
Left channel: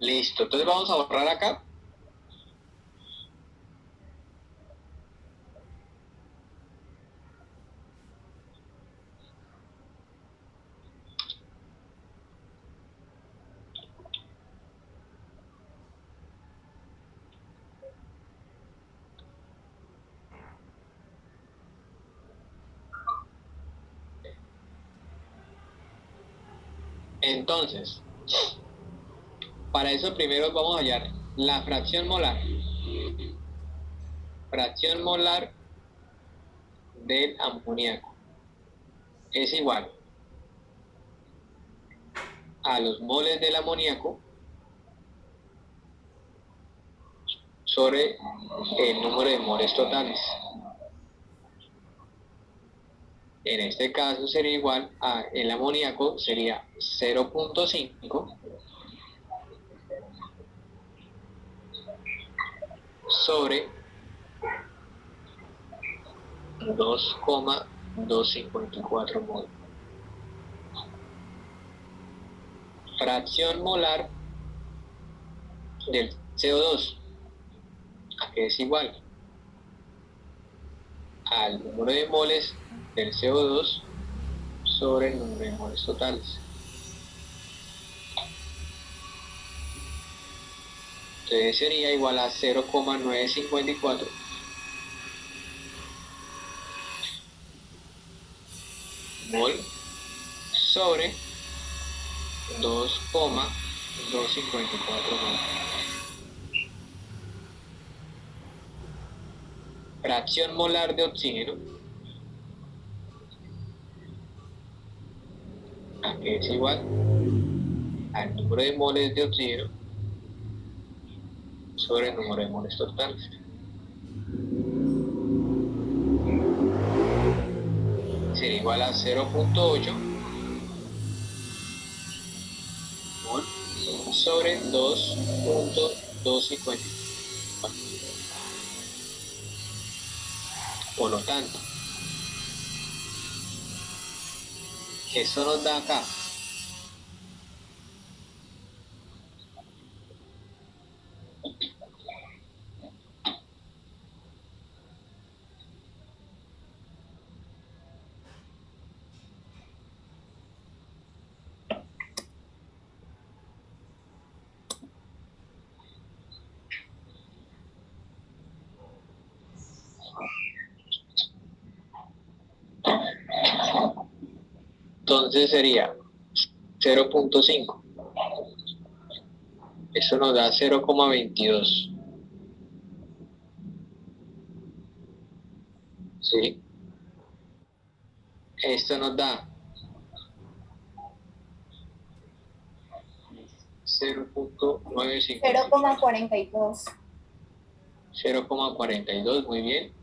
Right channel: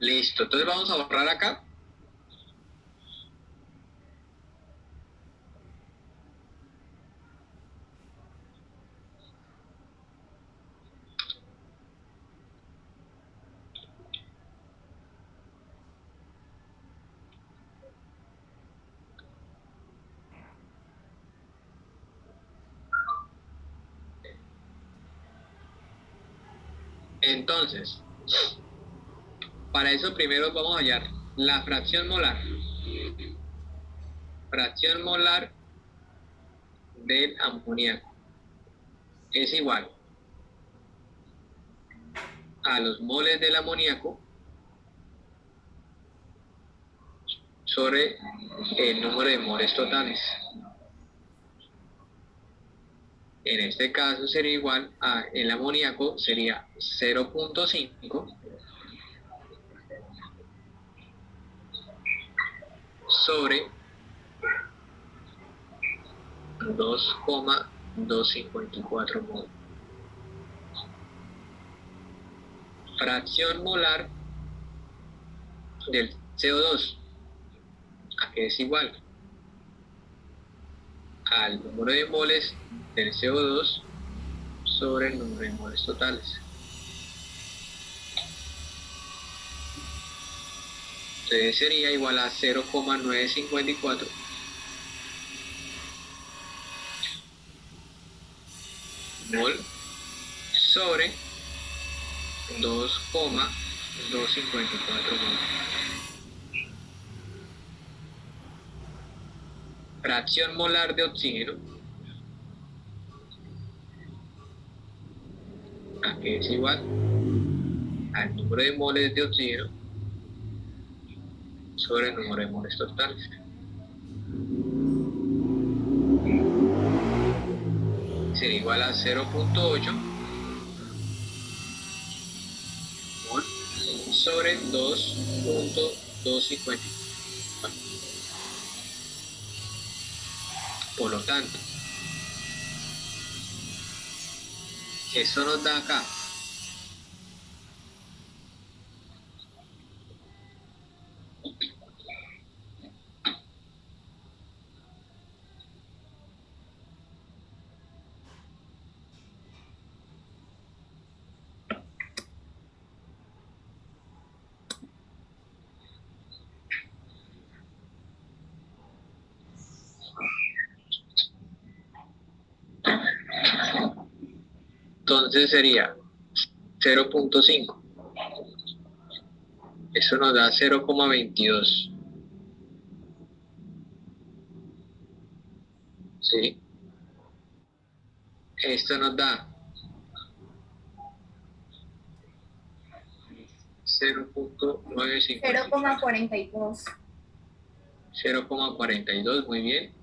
Listo, entonces vamos a borrar acá. Entonces, para eso primero vamos a hallar la fracción molar. Fracción molar del amoníaco es igual a los moles del amoníaco sobre el número de moles totales. En este caso sería igual a el amoníaco sería 0.5 sobre 2.254 mol. Fracción molar del CO2, ¿a qué es igual? al número de moles del CO2 sobre el número de moles totales. Entonces sería igual a 0,954 mol sobre 2,254 mol. Fracción molar de oxígeno, que es igual al número de moles de oxígeno sobre el número de moles totales. Sería igual a 0,8 mol sobre 2,254. Por lo tanto, esto nos da acá entonces sería 0,5. Eso nos da 0,22. ¿Sí? Esto nos da 0,950. 0,42. 0,42, muy bien.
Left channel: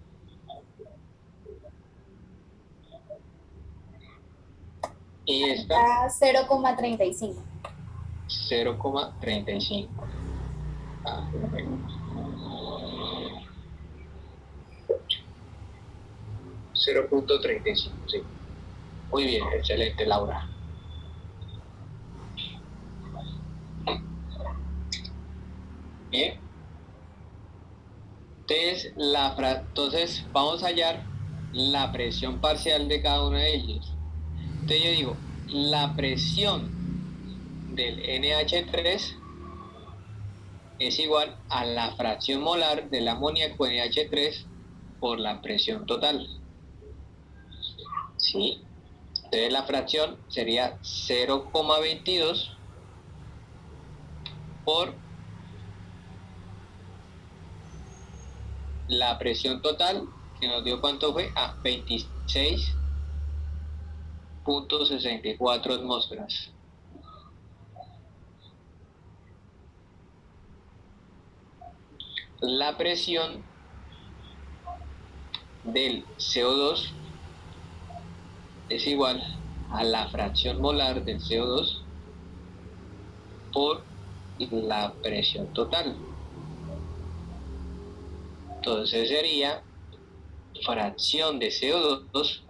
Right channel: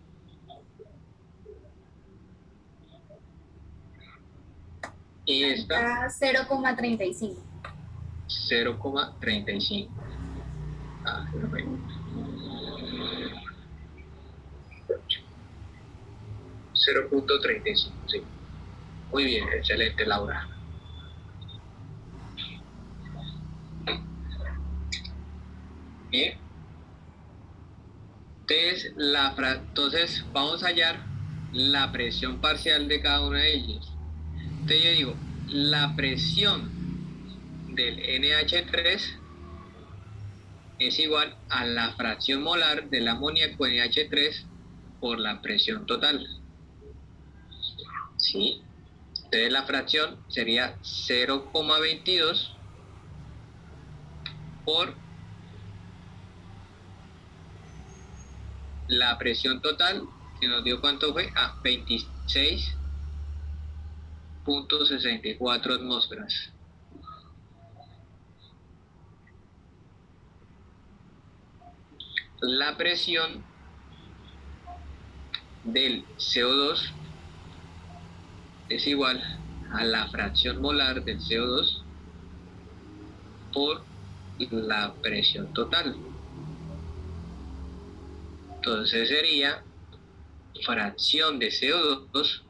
Y esta, 0,35. 0,35. Ah, 0,35, sí. Muy bien, excelente, Laura. Bien. Entonces vamos a hallar la presión parcial de cada una de ellas. Entonces yo digo, la presión del NH3 es igual a la fracción molar del amoníaco NH3 por la presión total. ¿Sí? Entonces la fracción sería 0,22 por la presión total, que nos dio cuánto fue, 26,64 atmósferas. La presión del CO2 es igual a la fracción molar del CO2 por la presión total. Entonces sería fracción de CO2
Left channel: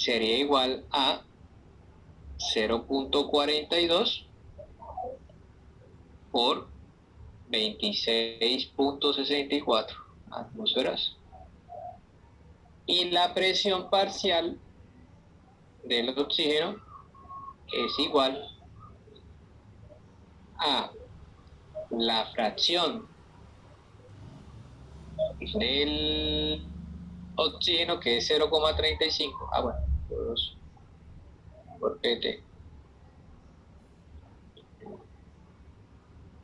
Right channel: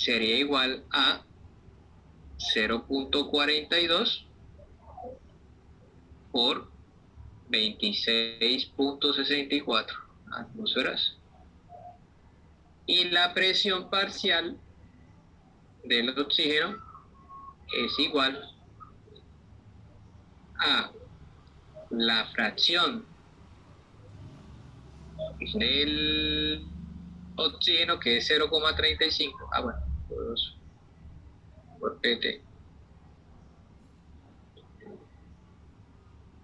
sería igual a 0,42 por 26,64 atmósferas. Y la presión parcial del oxígeno es igual a la fracción del oxígeno, que es 0,35. Bueno, por PT.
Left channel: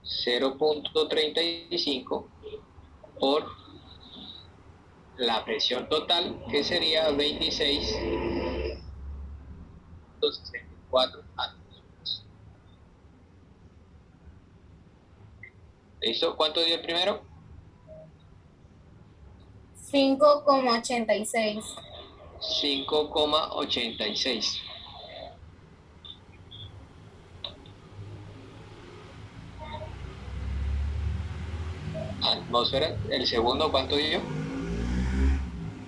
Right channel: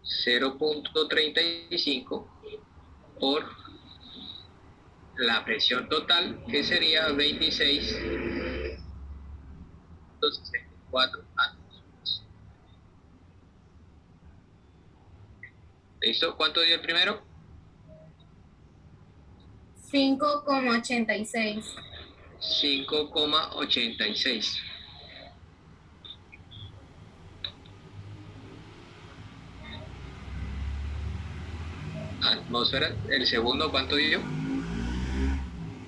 0,35 por la presión total, que sería 26,64 atmósferas. ¿Listo? ¿Cuánto dio el primero? 5,86. 5,86. Atmósfera. ¿El segundo cuánto dio?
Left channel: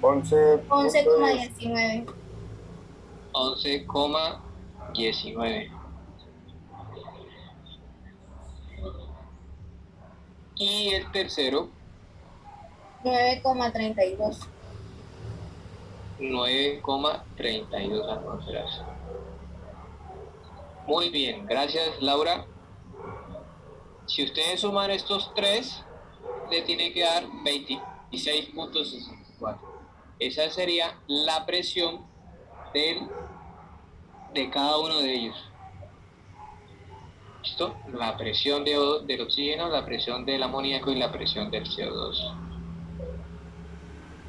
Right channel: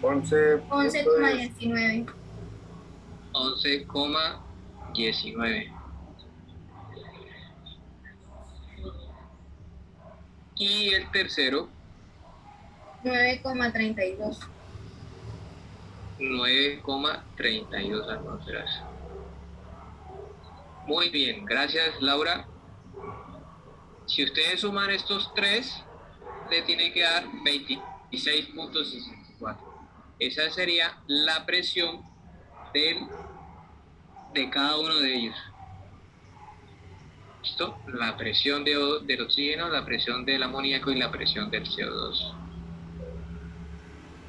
11,19. 11,19. Y el tercero 9,32. 9,32 atmósferas. Muy bien, gracias Laura. Si ustedes suman estos tres, le tiene que dar 26,64. Esa sería la presión de cada uno de ellos. ¿Listo? La presión del oxígeno, la presión del amoníaco y la presión del CO2.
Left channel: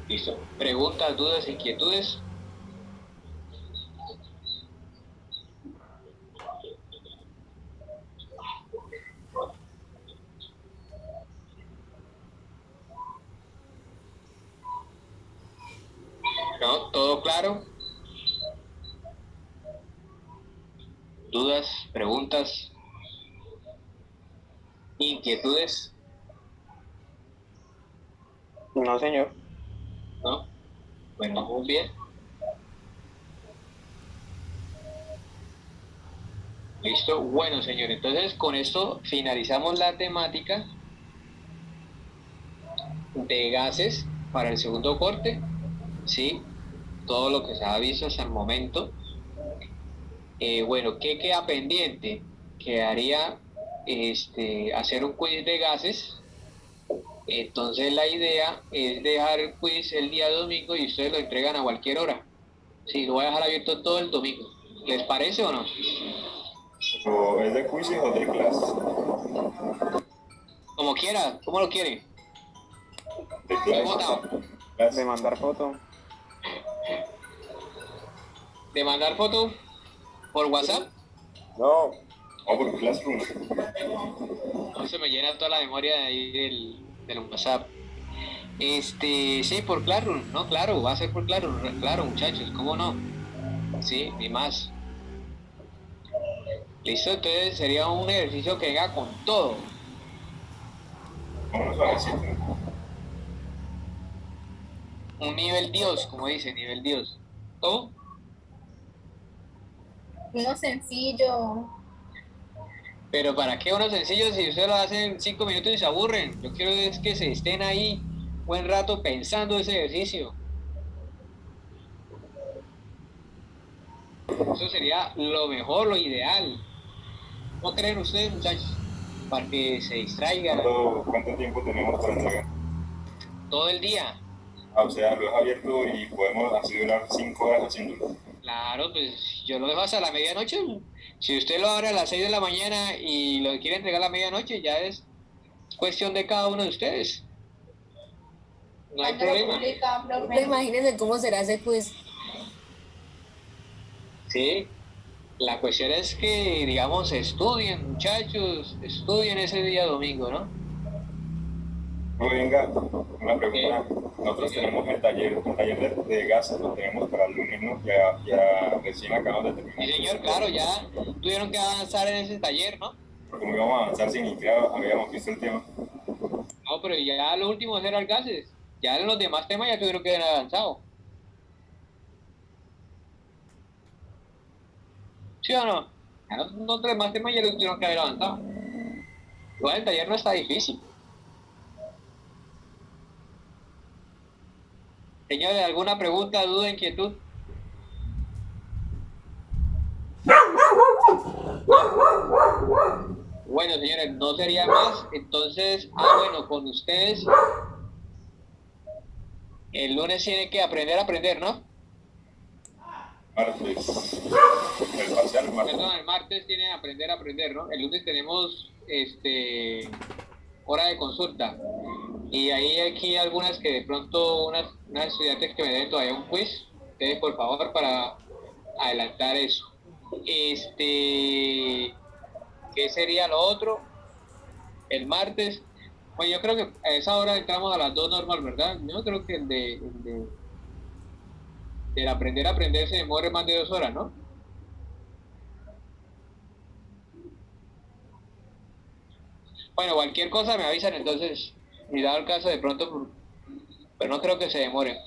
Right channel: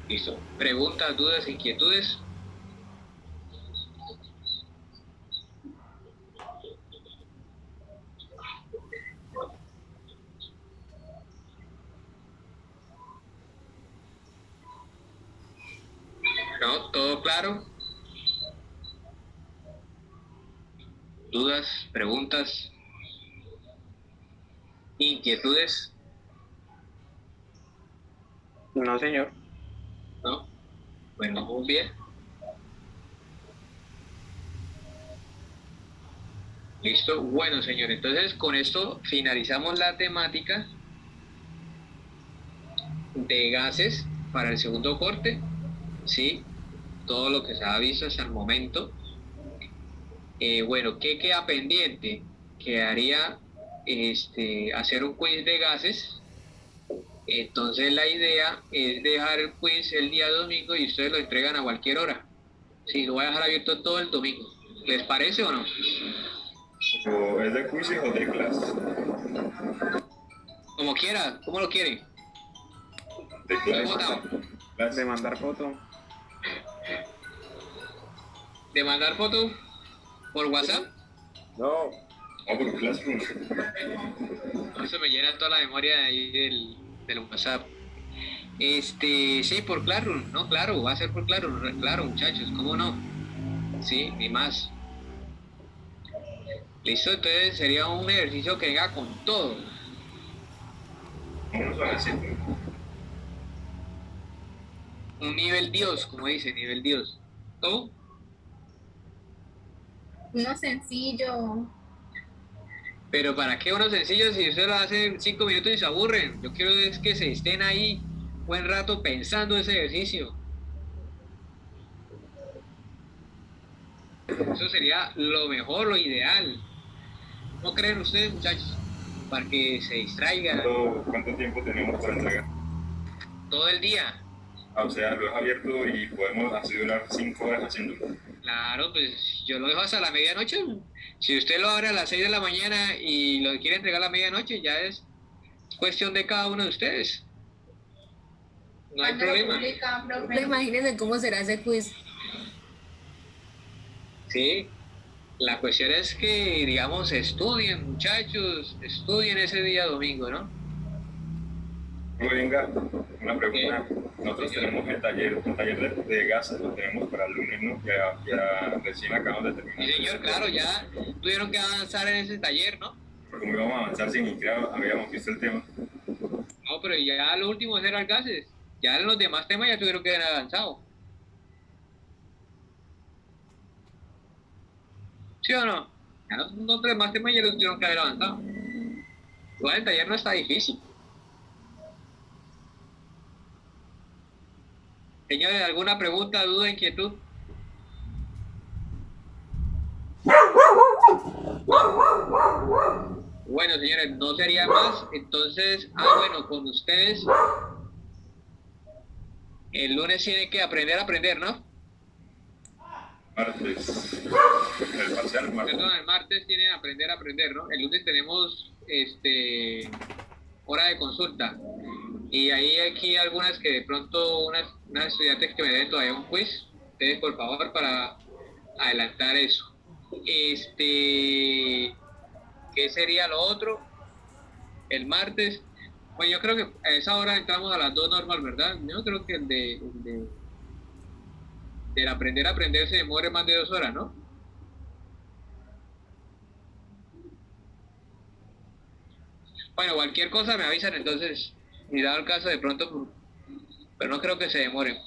¿Listo? ¿Preguntas, dudas, inquietudes? ¿No? ¿Todo claro? ¿Dudas, preguntas, inquietudes? No, señor. ¿No? Bueno, muy bien. Listo. Bueno, señor, entonces con esto finalizamos la temática de gases para el segundo corte. Sí, todo lo que se ha visto hasta el momento. Bueno, ¿qué queda pendiente? Quedaría hacer un quiz de gases. Entonces la idea es dejar el quiz el día domingo y ustedes lo entregan a cualquier hora. Sí, lo voy a dejar abierto todo el domingo. ¿Les parece o no? ¿O es de quizzes o de clase? Como quiera, ¿cómo lo quiere? De He votado. clase. De mandar foto. ¿De mandar foto por WhatsApp? No. O por Classroom. Eso me llena toda la memoria de ahí del WhatsApp. Sí, por Classroom, ¿no? Claro, va a ser por Classroom, claro, muchachos, ¿cómo no? Sí, ni más. Listo, entonces sería un ejercicio que venga con todo. Vamos a ver si. Un nivel Dios, como dice, nivel Dios. ¿Cómo? Uno sencillo. Pero ¿para qué uno sencillo si usted lo hace en 5 minutos y se aburren? Yo quiero es que se estén ahí buen rato pensando ese ejercicio. Eso sería lo mejor, lo ideal. ¿No creen ustedes, muchachos? Para que se distraigan ¿Cuánto tiempo tenemos para entregar? todo el día. Ah, o sea, lo es abierto y podemos así durar 5 horas haciéndolo. Claro, pues yo lo dejo hasta la medianoche. Si usted lo abre a las 6 de la mañana y lo quiere entregar a la medianoche, ya es cuestión de cada uno de ustedes. No hay ¿Cuándo lo problema. publica, Pero profe? imagínense cómo será ese quiz. Sí, la cuestión es que, digamos, estudien, muchachos, estudien ese día domingo, ¿no? No, venga, una pregunta. Nosotros tenemos el taller de gases, lo tenemos para el lunes, ¿no? Ya recién acabamos de terminar. Sí, señor, claro, ya tuvieron que avanzar en ese taller, ¿no? Como íbamos a avanzar sin ni siquiera habíamos visto el tema. No, pero ya lo último eran gases. Ya en los demás temas ya tuvieron que haber avanzado. ¿Sí o no? Ya los demás temas ya los tuvieron que haber avanzado. Igual el taller no está difícil. Señores, ¿alguna pregunta, duda, inquietud? Bueno, señores, no sería más. Entonces, bueno, con ustedes el lunes tienen que aprender a aprender, ¿no? Martes. El parcial, martes. Perdón, el martes tienen que aprender a aprender, ¿no? El lunes tenemos hora de consulta. Y ahí aquí algunas que de pronto, unas estudiantes que me den todavía un quiz, ustedes por favor para adelantar eso. ¿Qué sería lo otro? El martes, bueno, yo creo que a esa hora entramos a las 2 normal, ¿verdad? Yo creo que del aprender a aprender se demore más de 2 horas, ¿no? Bueno, cualquier cosa me avisan entonces, y dado el caso de pronto, pero no creo que se demore.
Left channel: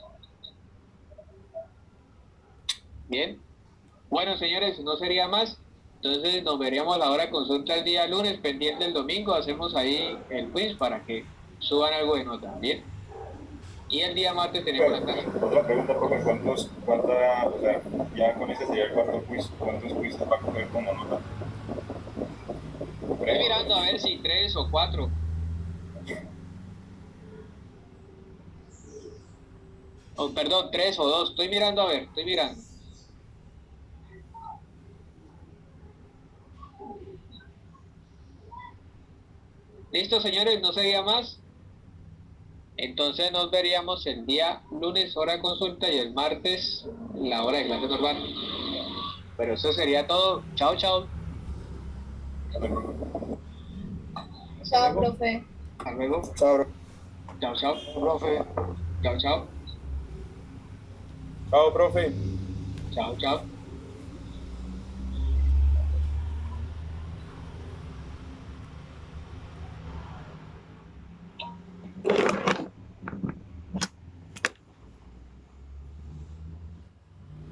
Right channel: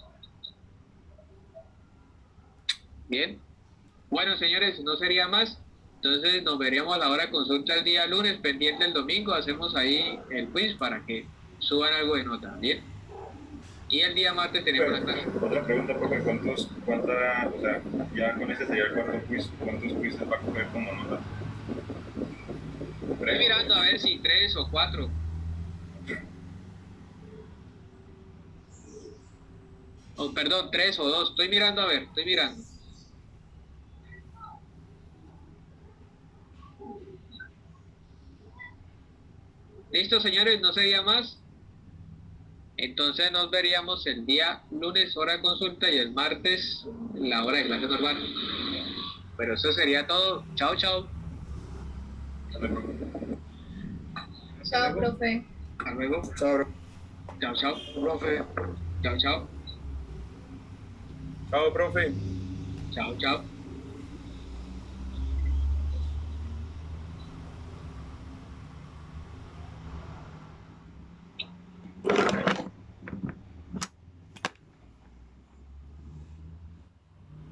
Bien. Bueno, señores, no sería más. Entonces nos veríamos a la hora de consulta el día lunes, pendiente el domingo, hacemos ahí el quiz para que suban algo de nota. Bien. Y el día martes tenemos la clase. Otra pregunta, profe, o sea, ya con ese sería el cuarto quiz, ¿cuántos quizzes va a coger como nota? Estoy mirando a ver si 3 o 4. Oh, perdón, 3 o 2. Estoy mirando a ver, estoy mirando. Listo, señores, no sería más. Entonces nos veríamos el día lunes, hora de consulta, y el martes, la hora de clase normal. Pero eso sería todo. Chao, chao. Chao, profe. Hasta luego. Chao, Chao, chao. profe. Chao, chao. Chao, profe. Chao, chao.